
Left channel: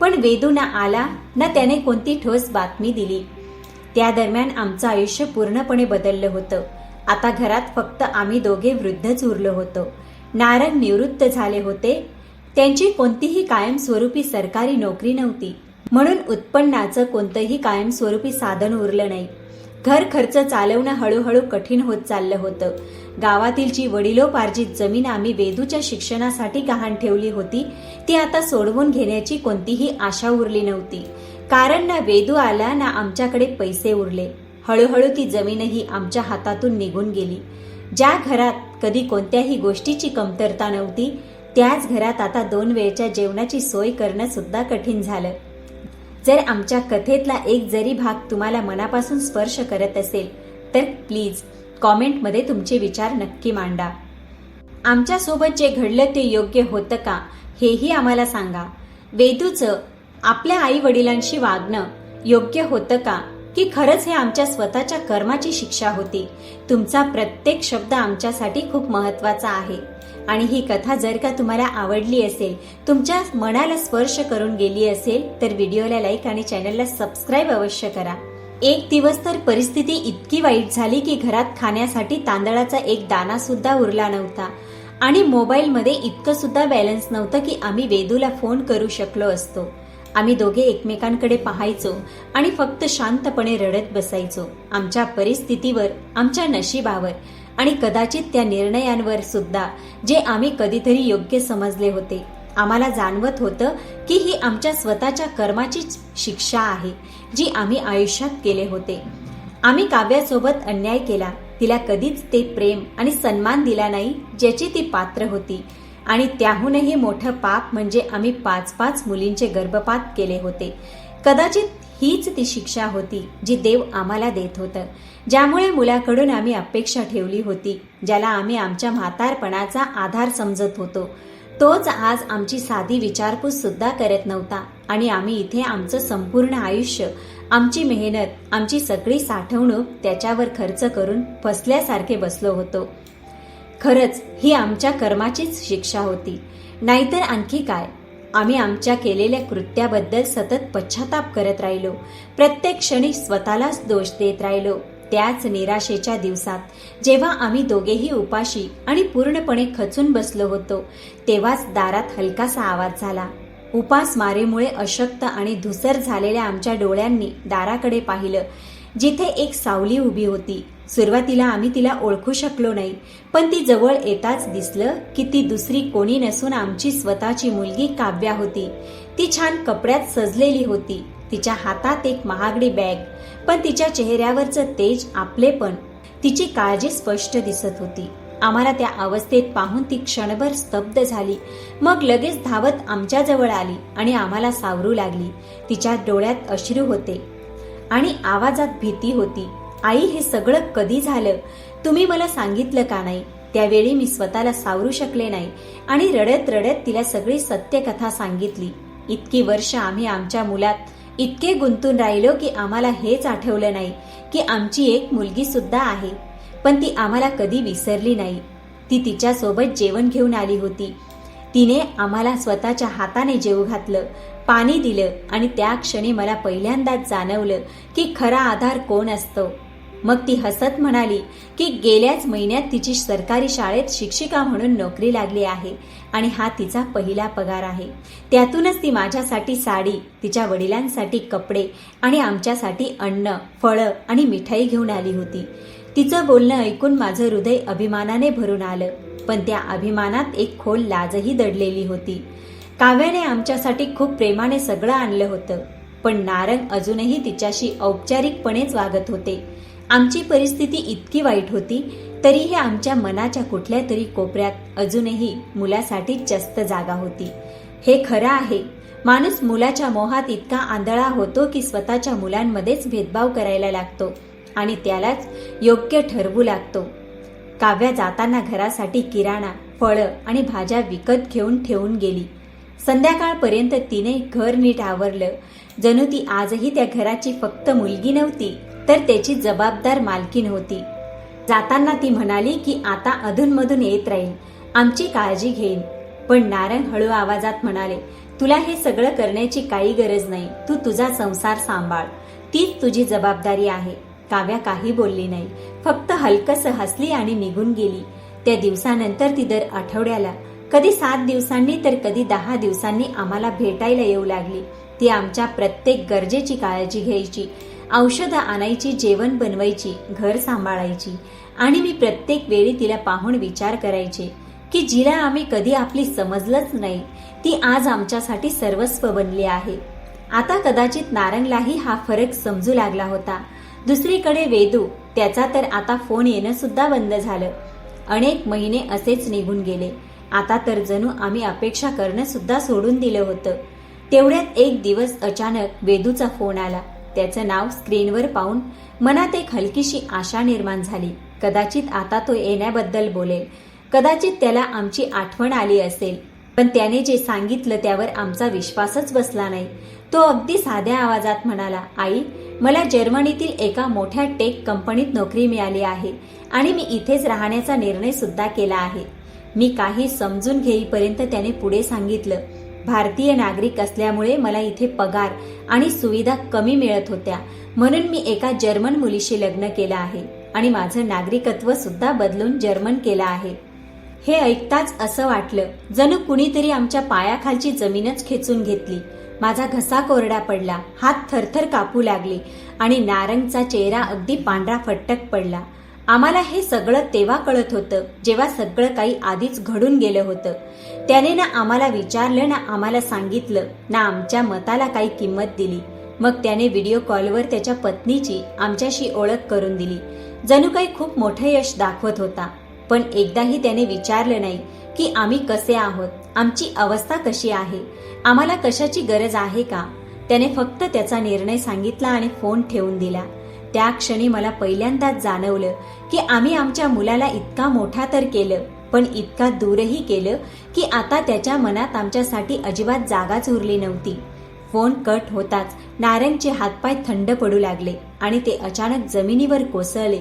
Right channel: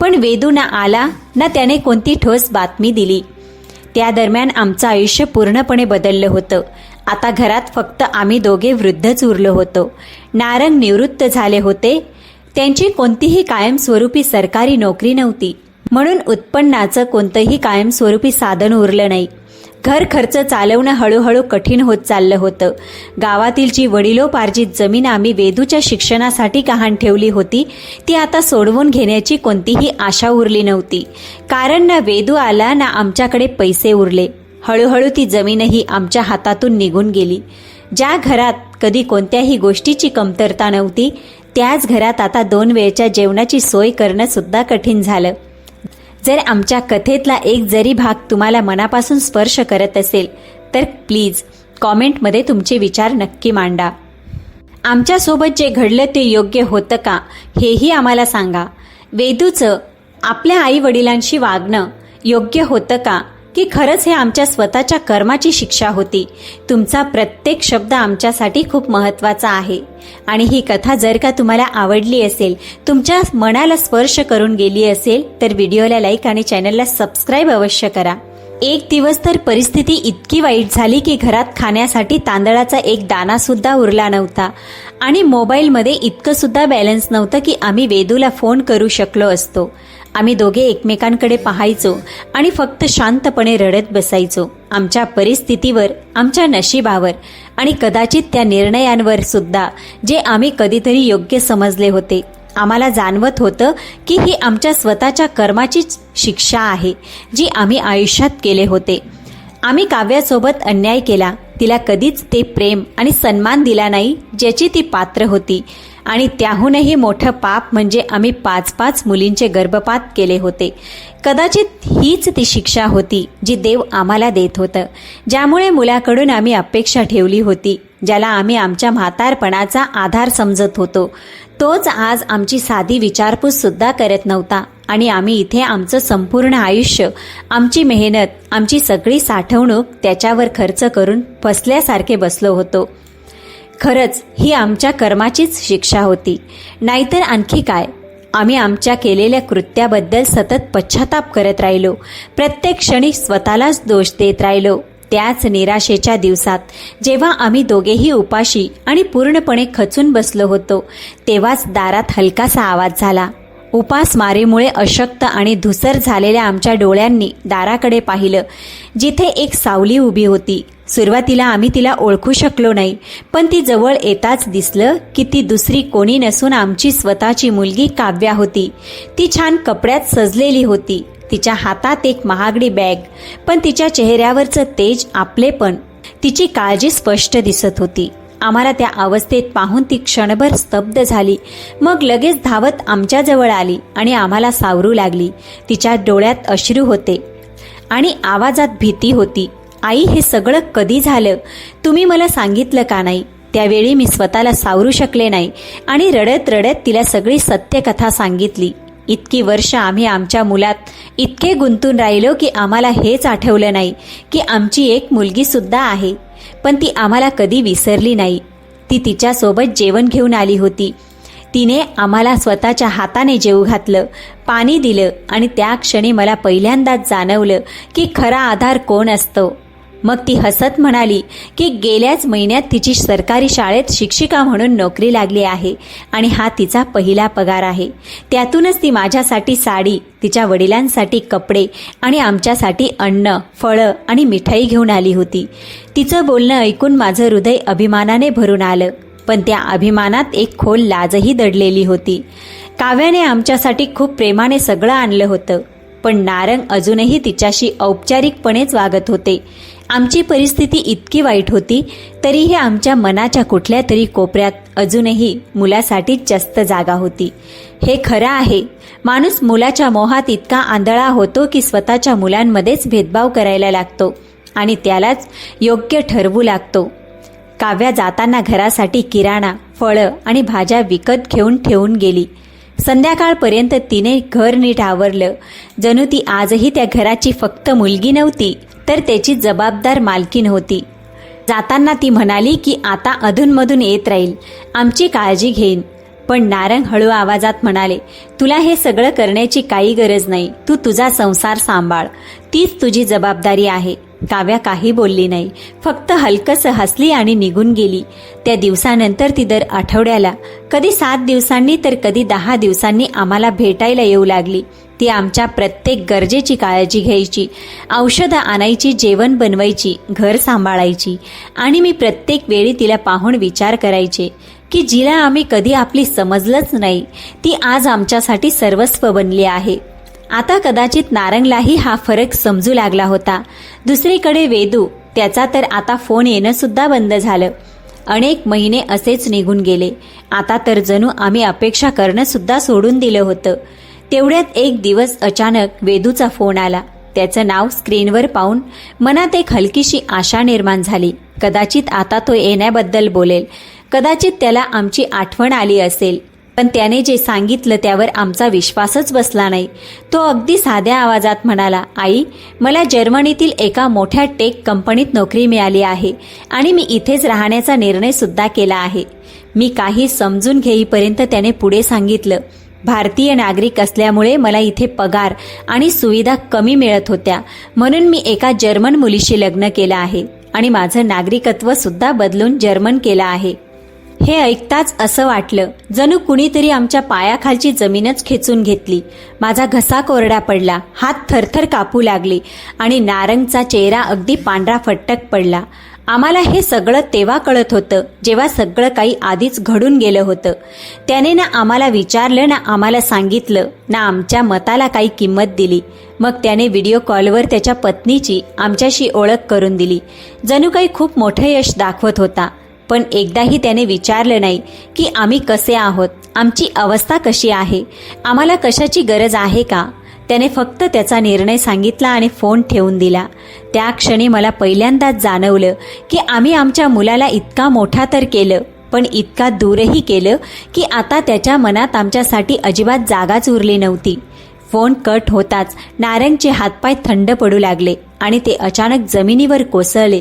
पण वेदू ना आला ना त्याने कोणती ठोस बातमी दिली. त्या दरम्यान आमचं आयुष्य पूर्णपणे बदललं होतं. आता घरात फक्त आम्ही दोघे वृद्धच उरलो होतो. नारंग निवृत्त झाले होते. त्यांची कोणतीही कायमस्वरूपी सरकारी नोकरी नव्हती, म्हणून उत्पन्नाचं कोणतंही कायमस्वरूपी साधन उरलं नाही. घर खर्च चालवणं हळूहळू कठीण होत चाललं होतं. गावातील जी वडिलोपार्जित जमीन आम्ही वेदूच्या शिक्षणासाठी गहाण ठेवली होती, ती आता सोडवून घेण्याची कोणतीही आशा उरली नव्हती. कारण ना वेदू आला ना आमच्याकडे पैसे उरले. हळूहळू ती जमीनही आमच्या हातातून निघून गेली. ज्या घरात कधी कोणत्याही गोष्टीची कमतरता नव्हती, त्याच घरात आता 2 वेळच्या जेवणाची सोय करणं सुद्धा कठीण झालं. जर आमच्या कथेतला एक जरी भाग तुम्हाला मनापासून स्पर्श करत असेल तर प्लीज कॉमेंटमध्ये तुमचे विचार नक्की मांडा. आमच्यासोबत जे घडलं ते योग्य होतं का हेही आम्हाला सांगा. वेदूचं आपल्या आई वडिलांशी वागणं योग्य होतं का, की खरंच हे आमच्या स्वतःच्या कर्माची शिक्षा होती? तुमचा प्रत्येक शब्द आमच्यासाठी खूप महत्त्वाचा आहे. आणि ही कथा जर का तुम्हाला आवडली असेल, तुमच्या मनाला स्पर्श करून गेली असेल तर व्हिडिओला लाईक आणि चॅनलला सबस्क्राईब अवश्य करा. एक दिवस तर परिस्थिती इतकी वाईट झाली की घरात खाण्यासाठी तांदळाचा एक दाणा सुद्धा उरला नव्हता आणि मोबाईलमध्ये इतकं सुद्धा बॅलन्स नव्हतं की आम्ही वेदूला फोन करू शकलो असतो. आम्ही दोघे एकमेकांकडे पाहायचो आणि फक्त शांतपणे रडत बसायचो. आमच्या परिस्थितीवर, आमच्या नशिबावर आणि कदाचित त्या निर्णयांवर सुद्धा जे आम्ही कधीतरी योग्य समजले होते. आम्हाला जाणवत होतं की ही आमच्या स्वतःच्या कर्माचीच शिक्षा आहे जी आम्ही आयुष्यात केले होते. आम्ही काव्यासोबत अन्याय केला. तिला कधीच ते प्रेम आणि सन्मान दिला नाही ज्याची ती पात्र होती. आणि त्याहूनही मोठं पाप म्हणजे आम्ही 5-5 मुलींचे गर्भपात केले होते. कदाचित हीच ती शिक्षा होती जी देव आम्हाला देत होतं, ज्यामुळे मुलाकडून आम्ही अपेक्षा ठेवली होती, ज्याला आम्ही आमच्या म्हातारपणाचा आधार समजत होतो. तोच आज आमची साधी विचारपूस सुद्धा करत नव्हता आणि आम्ही इथे आमचं संपूर्ण आयुष्य, आमची मेहनत, आमची सगळी साठवणूक त्याच्यावर खर्च करून फसल्यासारखे बसलो होतो. खरंच ही आमच्या कर्माचीच शिक्षा होती, नाहीतर आणखी काय. आम्ही आमच्या केलेल्या कृत्याबद्दल सतत पश्चाताप करत राहिलो. प्रत्येक क्षणी स्वतःलाच दोष देत राहिलो. त्याच निराशेच्या दिवसात जेव्हा आम्ही दोघेही उपाशी आणि पूर्णपणे खचून बसलो होतो, तेव्हाच दारात हलकासा आवाज झाला. उपासमारीमुळे अशक्त आणि धुसर झालेल्या आमच्या डोळ्यांनी दाराकडे पाहिलं, जिथे एक सावली उभी होती. सुरुवातीला आम्ही तिला ओळखू शकलो नाही, पण ती जवळ येताच दिसलं की ती दुसरी कोणी नसून आमची स्वतःची मुलगी काव्या होती. ती छान कपड्यात सजलेली होती. तिच्या हातात एक महागडी बॅग, पण तिच्या चेहऱ्यावरचं तेज, आपलेपण, तिची काळजी स्पष्ट दिसत होती. आम्हाला त्या अवस्थेत पाहून ती क्षणभर स्तब्ध झाली. मग लगेच धावत आमच्याजवळ आली आणि आम्हाला सावरू लागली. तिच्या डोळ्यात अश्रू होते आणि आवाजात भीती होती. आई, हे सगळं कधी झालं? तुम्ही मला सांगितलं का नाही? त्यावेळी मी स्वतःला सावरू शकले नाही आणि रडत रडत तिला सगळी सत्यकथा सांगितली. इतकी वर्ष आम्ही आमच्या मुलात इतके गुंतून राहिलो की आम्हाला हेच आठवलं नाही की आमची एक मुलगी सुद्धा आहे. पण ती आम्हाला कधी विसरली नाही. ती तिच्यासोबत जेवण घेऊन आली होती. तिने आम्हाला स्वतःच्या हाताने जेवू घातलं, पाणी दिलं आणि त्या क्षणी मला पहिल्यांदाच जाणवलं की खरा आधार कोण असतो. मग ती हसत म्हणाली की गेल्याच महिन्यात तिची सरकारी शाळेत शिक्षिका म्हणून नोकरी लागली आहे आणि हा तिचा पहिला पगार आहे. त्यातूनच ती माझ्यासाठी साडी, तिच्या वडिलांसाठी कपडे आणि आमच्यासाठी अन्न, फळं आणि मिठाई घेऊन आली होती. तिचं बोलणं ऐकून माझं हृदय अभिमानाने भरून आलं, पण त्या अभिमानात एक खोल लाजही दडलेली होती. काव्याने आमच्यासाठी खूप प्रेमाने सगळं आणलं होतं, पण नारंग अजूनही तिच्याशी औपचारिकपणेच वागत होते. आमची परिस्थिती इतकी वाईट होती तरीही आमच्या मनाच्या कुठल्या तरी कोपऱ्यात अजूनही मुलासाठीच जास्त जागा होती. हे खरं आहे, माणूस मुलाच्या मोहात इतका आंधळा होतो की स्वतःच्या मुलांमध्येच भेदभाव करायला लागतो आणि त्यालाच योग्य ठरवू लागतो. काव्या जाताना घरासाठी किराणा, फळं आणि भाज्या विकत घेऊन ठेवून गेली. संध्याकाळपर्यंत तिने घर नीट आवरलं, जणू ती आजही त्या घराची फक्त मुलगी नव्हती तर त्याची जबाबदार मालकीण होती. जाताना ती म्हणाली की आता अधूनमधून येत राहील, आमची काळजी घेईन. पण नारंग हळू आवाजात म्हणाले, तुला हे सगळं करण्याची काही गरज नाही. तू तुझा संसार सांभाळ, तीच तुझी जबाबदारी आहे. काव्या काही बोलली नाही, फक्त हलकसं हसली आणि निघून गेली. त्या दिवसानंतर ती दर आठवड्याला, कधी 7 दिवसांनी तर कधी 10 दिवसांनी आम्हाला भेटायला येऊ लागली. ती आमच्या प्रत्येक गरजेची काळजी घ्यायची, औषधं आणायची, जेवण बनवायची, घर सांभाळायची. आणि मी प्रत्येक वेळी तिला पाहून विचार करायचे की जिला आम्ही कधी आपली समजलंच नाही, ती आज आमच्यासाठी सर्वस्व बनली आहे. आता कदाचित नारंगलाही हा फरक समजू लागला होता. दुसरीकडे वेदू, त्याचा तर आता फोन येणं सुद्धा बंद झालं. अनेक महिने असेच निघून गेले. आता तर जणू आम्ही अपेक्षा करणं सुद्धा सोडून दिलं होतं. तेवढ्यात एक दिवस अचानक वेदूचा फोन आला. त्याचं नाव स्क्रीनवर पाहून मनात एक हलकीशी आशा निर्माण झाली. कदाचित आता तो येण्याबद्दल बोलेल, कदाचित त्याला आमची आठवण आली असेल. पण त्याने जे सांगितलं त्यावर आमचा विश्वासच बसला नाही. तो अगदी साध्या आवाजात म्हणाला, आई, मला जर्मनीतील एका मोठ्या टेक कंपनीत नोकरी मिळाली आहे आणि मी इथेच राहण्याचा निर्णय सुद्धा केला आहे. मी काही समजून घेईपर्यंत त्याने पुढे सांगितलं, भारतीय नागरिक असल्यामुळे मला इथे पगार आणि सुविधा कमी मिळत होत्या, म्हणून मी एका जर्मन मुलीशी लग्न केलं आहे आणि माझं नागरिकत्व सुद्धा बदलून जर्मन केलं आहे. हे ऐकताच असं वाटलं जणू कुणीतरी आमच्या पायाखालची जमीनच खेचून घेतली. माझा घसा कोरडा पडला, हात थरथर कापू लागले आणि नारंगचा चेहरा अगदी पांढरा फट्टक पडला. आम्हाला हे सगळं तेव्हा कळत होतं जेव्हा सगळं काही आधीच घडून गेलं होतं. त्याने ना आम्हाला विचारलं ना आम्हाला सांगितलं ना आमच्या मताला काही किंमत दिली. मग त्याने व्हिडिओ कॉलवर त्याच्या पत्नीची आमच्याशी ओळख करून दिली. जणू काही खूप मोठं यश दाखवत होता. पण एकदाही त्याने विचारलं नाही की आम्ही कसे आहोत, आमची अवस्था कशी आहे, आम्हाला कशाची गरज आहे का. त्याने फक्त त्याचा निर्णय सांगितला आणि फोन ठेवून दिला. त्या क्षणी मला पहिल्यांदाच जाणवलं की आम्ही आमच्या मुलाला इतका मोठा तर केलं, पण इतका दूरही केलं की आता त्याच्या मनात आमच्यासाठी अजिबात जागाच उरली नव्हती. फोन कट होताच नारंगचे हातपाय थंड पडू लागले आणि ते अचानक जमिनीवर कोसळले.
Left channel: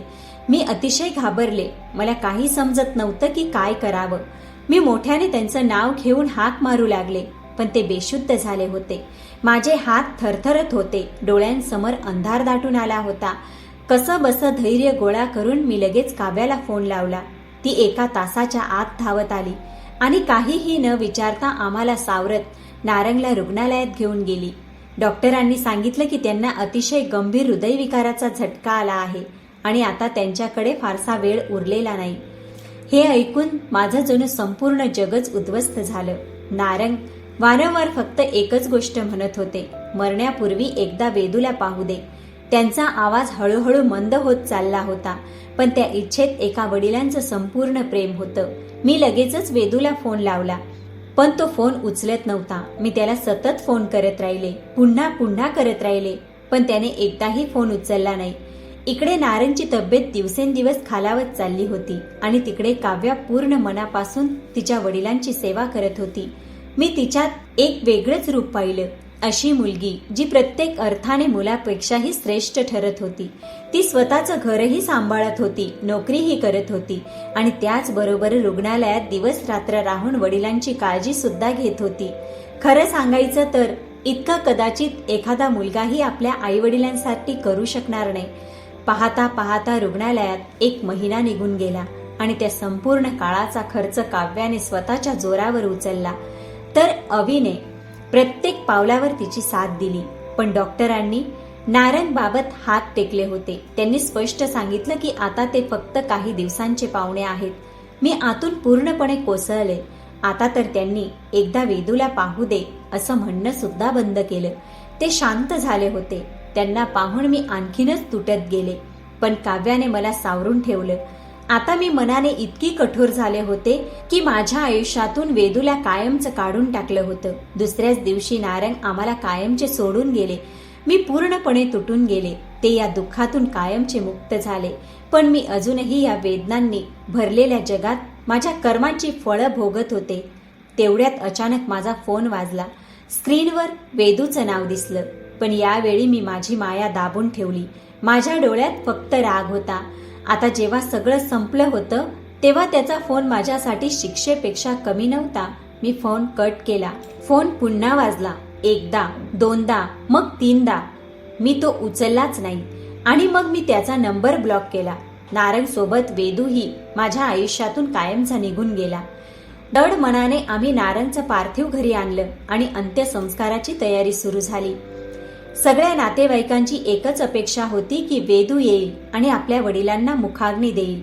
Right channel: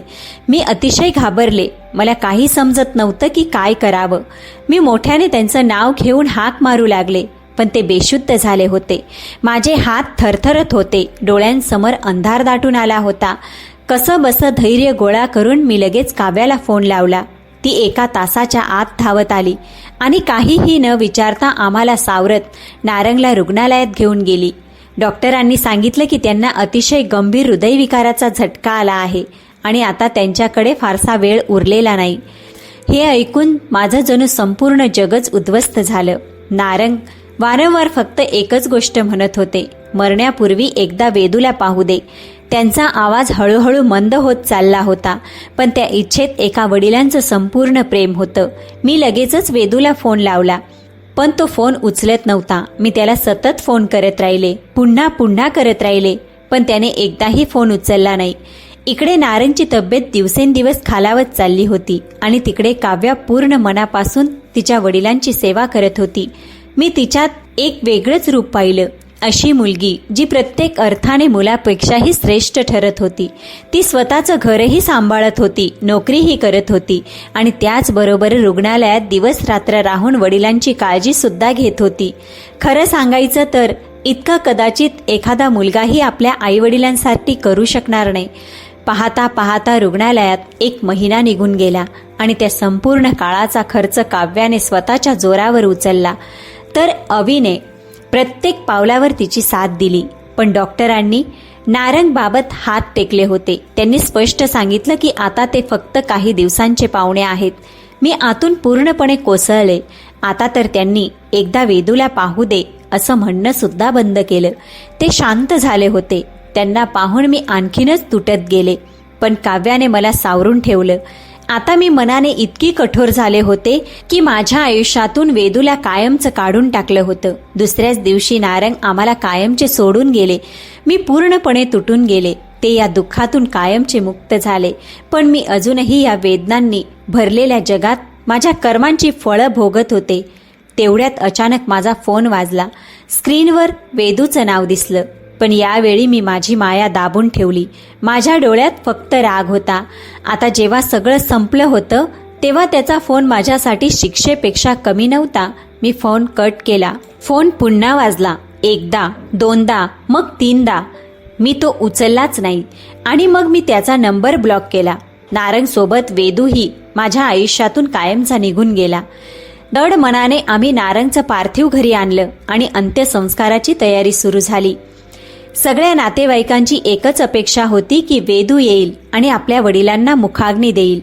मी अतिशय घाबरले. मला काही समजत नव्हतं की काय करावं. मी मोठ्याने त्यांचं नाव घेऊन हाक मारू लागले, पण ते बेशुद्ध झाले होते. माझे हात थरथरत होते. डोळ्यांसमोर अंधार दाटून आला होता. कसं बसं धैर्य गोळा करून मी लगेच काव्याला फोन लावला. ती 1 तासाच्या आत धावत आली आणि काहीही न विचारता आम्हाला सावरत नारंगला रुग्णालयात घेऊन गेली. डॉक्टरांनी सांगितलं की त्यांना अतिशय गंभीर हृदयविकाराचा झटका आला आहे आणि आता त्यांच्याकडे फारसा वेळ उरलेला नाही. हे ऐकून माझं जणू संपूर्ण जगच उद्ध्वस्त झालं. नारंग वारंवार फक्त एकच गोष्ट म्हणत होते, मरण्यापूर्वी एकदा वेदूला पाहू दे. त्यांचा आवाज हळूहळू मंद होत चालला होता, पण त्या इच्छेत एका वडिलांचं संपूर्ण प्रेम होतं. मी लगेचच वेदूला फोन लावला, पण तो फोन उचलत नव्हता. मी त्याला सतत फोन करत राहिले, पुन्हा पुन्हा करत राहिले, पण त्याने एकदाही फोन उचलला नाही. इकडे नारंगची तब्येत दिवसेंदिवस खालावत चालली होती आणि तिकडे काव्या पूर्ण मनापासून तिच्या वडिलांची सेवा करत होती. मी तिच्यात एक वेगळंच रूप पाहिलं. अशी मुलगी जी प्रत्येक अर्थाने मुलापेक्षाही श्रेष्ठ ठरत होती. ती स्वतःचं घरही सांभाळत होती, नोकरीही करत होती आणि त्याचबरोबर रुग्णालयात दिवस रात्र राहून वडिलांची काळजी सुद्धा घेत होती. खरं सांगायचं तर इतकं कदाचित एखादा मुलगाही आपल्या आईवडिलांसाठी करू शकणार नाही. पाहता पाहता रुग्णालयात 1 महिना निघून गेला आणि त्या संपूर्ण काळाचा खर्च काव्याने स्वतःच्या जोरावर उचलला. तर अविने प्रत्येक पावलावर तिची साथ दिली. पण डॉक्टरांनी नारंगबाबत हात टेकले होते. त्यांनी स्पष्ट सांगितलं की आता ते फक्त काही दिवसांचे पाहुणे आहेत. मी आतून पूर्णपणे कोसळले. आता तर त्यांनी एकदा वेदूला पाहू दे असं म्हणणं सुद्धा बंद केलं. ते शांत झाले होते. त्यांना पाहून मी आणखीनच तुटत गेले. पण काव्याने मला सावरून ठेवलं. आता मी मनाने इतकी कठोर झाले होते की माझ्या आयुष्यातून वेदूला कायमचं काढून टाकलं होतं. दुसऱ्याच दिवशी नारंग आम्हाला कायमचे सोडून गेले. मी पूर्णपणे तुटून गेले. ते या दुःखातून कायमचे मुक्त झाले. पण मी अजूनही या वेदनांनी भरलेल्या जगात माझ्या कर्मांची फळं भोगत होते. तेवढ्यात अचानक माझा फोन वाजला. स्क्रीनवर वेदूचं नाव दिसलं. पण यावेळी मी माझी माया दाबून ठेवली. माझ्या डोळ्यात फक्त राग होता. आता जेव्हा सगळं संपलं होतं तेव्हा त्याचा फोन माझ्यासाठी शिक्षेपेक्षा कमी नव्हता. मी फोन कट केला. फोन पुन्हा वाजला. 1दा, 2दा, मग 3दा. मी तो उचललाच नाही आणि मग मी त्याचा नंबर ब्लॉक केला. नारंग सोबत वेदूही माझ्या आयुष्यातून कायमचा निघून गेला. दड मनाने आम्ही नारंगचं पार्थिव घरी आणलं आणि अंत्यसंस्काराची तयारी सुरू झाली. सगळ्या नातेवाईकांची एकच अपेक्षा होती की वेदू येईल आणि आपल्या वडिलांना मुखाग्नी देईल.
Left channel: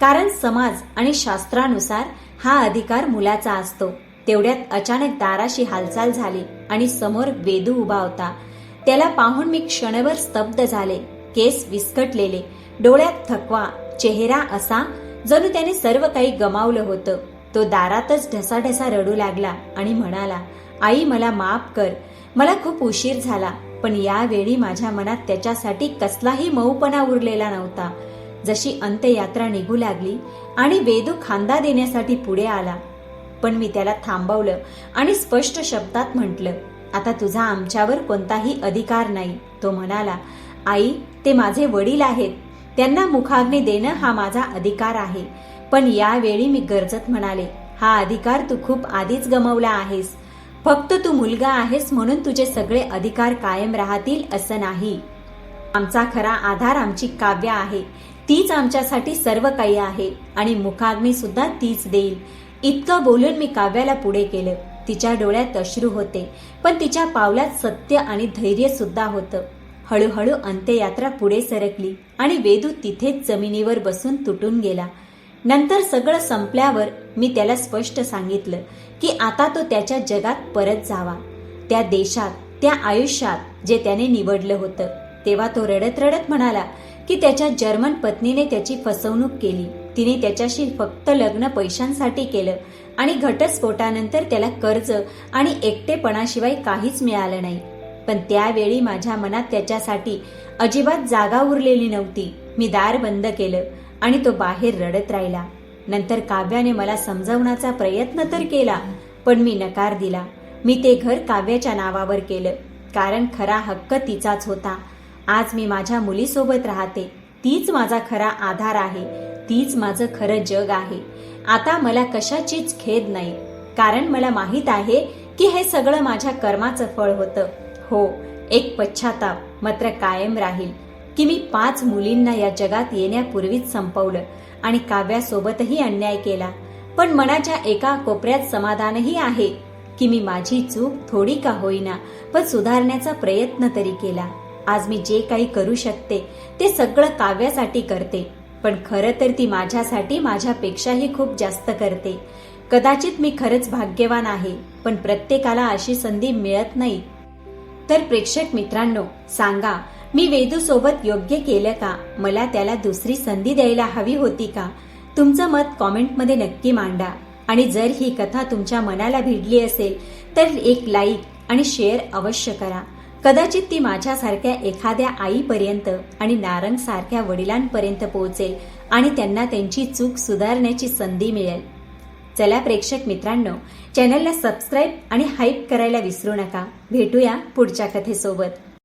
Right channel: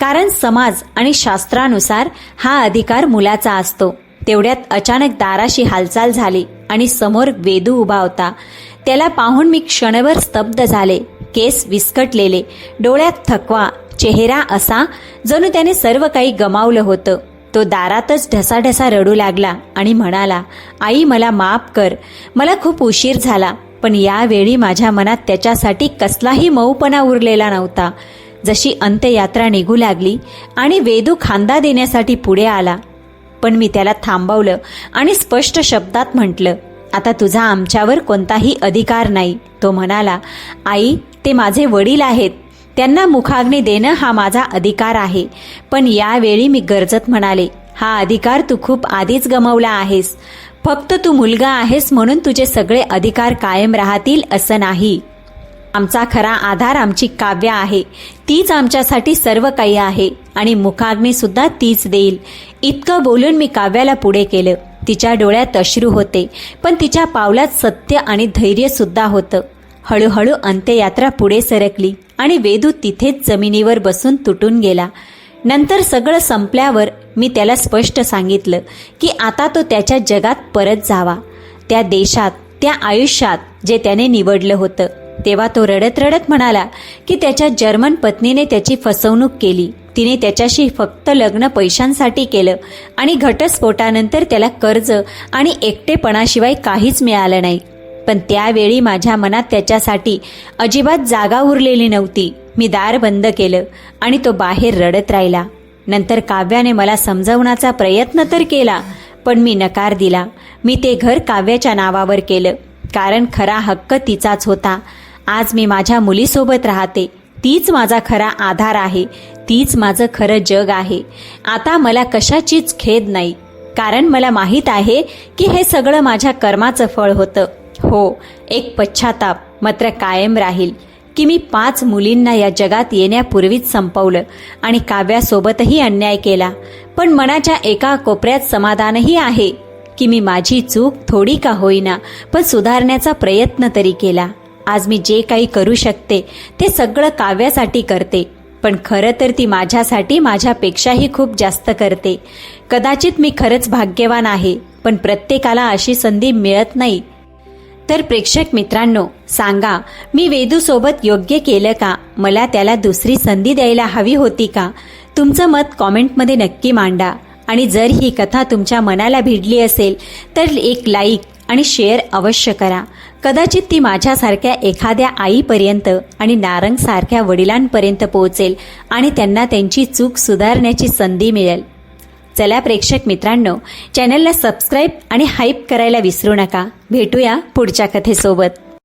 कारण समाज आणि शास्त्रानुसार हा अधिकार मुलाचा असतो. तेवढ्यात अचानक दाराशी हालचाल झाली आणि समोर वेदू उभा होता. त्याला पाहून मी क्षणभर स्तब्ध झाले. केस विस्कटलेले, डोळ्यात थकवा, चेहरा असा जणू त्याने सर्व काही गमावलं होतं. तो दारातच ढसाढसा रडू लागला आणि म्हणाला, आई मला माफ कर, मला खूप उशीर झाला. पण यावेळी माझ्या मनात त्याच्यासाठी कसलाही मऊपणा उरलेला नव्हता. जशी अंत्ययात्रा निघू लागली आणि वेदू खांदा देण्यासाठी पुढे आला, पण मी त्याला थांबवलं आणि स्पष्ट शब्दात म्हटलं, आता तुझा आमच्यावर कोणताही अधिकार नाही. तो म्हणाला, आई ते माझे वडील आहेत, त्यांना मुखाग्नी देणं हा माझा अधिकार आहे. पण यावेळी मी गरजत म्हणाले, हा अधिकार तू खूप आधीच गमावला आहेस. फक्त तू मुलगा आहेस म्हणून तुझे सगळे अधिकार कायम राहतील असं नाही. आमचा खरा आधार आमची काव्या आहे. तीच आमच्यासाठी सर्व काही आहे आणि मुखाग्नी सुद्धा तीच देईल. इतकं बोलून मी काव्याला पुढे केलं. तिच्या डोळ्यात अश्रू होते, पण तिच्या पावलात सत्य आणि धैर्य सुद्धा होतं. हळूहळू अंत्ययात्रा पुढे सरकली आणि वेदू तिथेच जमिनीवर बसून तुटून गेला. नंतर सगळं संपल्यावर मी त्याला स्पष्ट सांगितलं की आता तो त्याच्या जगात परत जावा, त्या देशात, त्या आयुष्यात जे त्याने निवडलं होतं. तेव्हा तो रडत रडत म्हणाला की त्याच्या जर्मन पत्नीने त्याची फसवणूक केली. तिने त्याच्याशी फक्त लग्न पैशांसाठी केलं आणि घटस्फोटानंतर त्याला कर्ज आणि एकटेपणाशिवाय काहीच मिळालं नाही. पण त्यावेळी माझ्या मनात त्याच्यासाठी अजिबात जागा उरलेली नव्हती. मी दार बंद केलं आणि तो बाहेर रडत राहिला. नंतर काव्याने मला समजावण्याचा प्रयत्न तर केला, पण मी नकार दिला. मी ते घर काव्याच्या नावावर केलं, कारण खरा हक्क तिचाच होता. आज मी माझ्या मुलीसोबत राहते. तीच माझा खरा आधार आहे. तीच माझं खरं जग आहे. आता मला कशाचीच खेद नाही, कारण मला माहीत आहे की हे सगळं माझ्या कर्माचं फळ होतं. हो, एक पश्चाताप मात्र कायम राहील की मी 5 मुलींना या जगात येण्यापूर्वीच संपवलं आणि काव्यासोबतही अन्याय केला. पण मनाच्या एका कोपऱ्यात समाधानही आहे की मी माझी चूक थोडी का होईना पण सुधारण्याचा प्रयत्न तरी केला. आज मी जे काही करू शकते ते सगळं काव्यासाठी करते, पण खरं तर ती माझ्यासाठी माझ्यापेक्षाही खूप जास्त करते. कदाचित मी खरंच भाग्यवान आहे, पण प्रत्येकाला अशी संधी मिळत नाही. तर प्रेक्षक मित्रांनो, सांगा, मी वेदूसोबत योग्य केलं का? मला त्याला दुसरी संधी द्यायला हवी होती का? तुमचं मत कॉमेंटमध्ये नक्की मांडा. आणि जर ही कथा तुमच्या मनाला भिडली असेल तर एक लाईक आणि शेअर अवश्य करा. कदाचित ती माझ्यासारख्या एखाद्या आईपर्यंत आणि नारंगसारख्या वडिलांपर्यंत पोहोचेल आणि त्यांना त्यांची चूक सुधारण्याची संधी मिळेल. चला प्रेक्षक मित्रांनो, चॅनलला सबस्क्राईब आणि हाईप करायला विसरू नका. भेटूया पुढच्या कथेसोबत.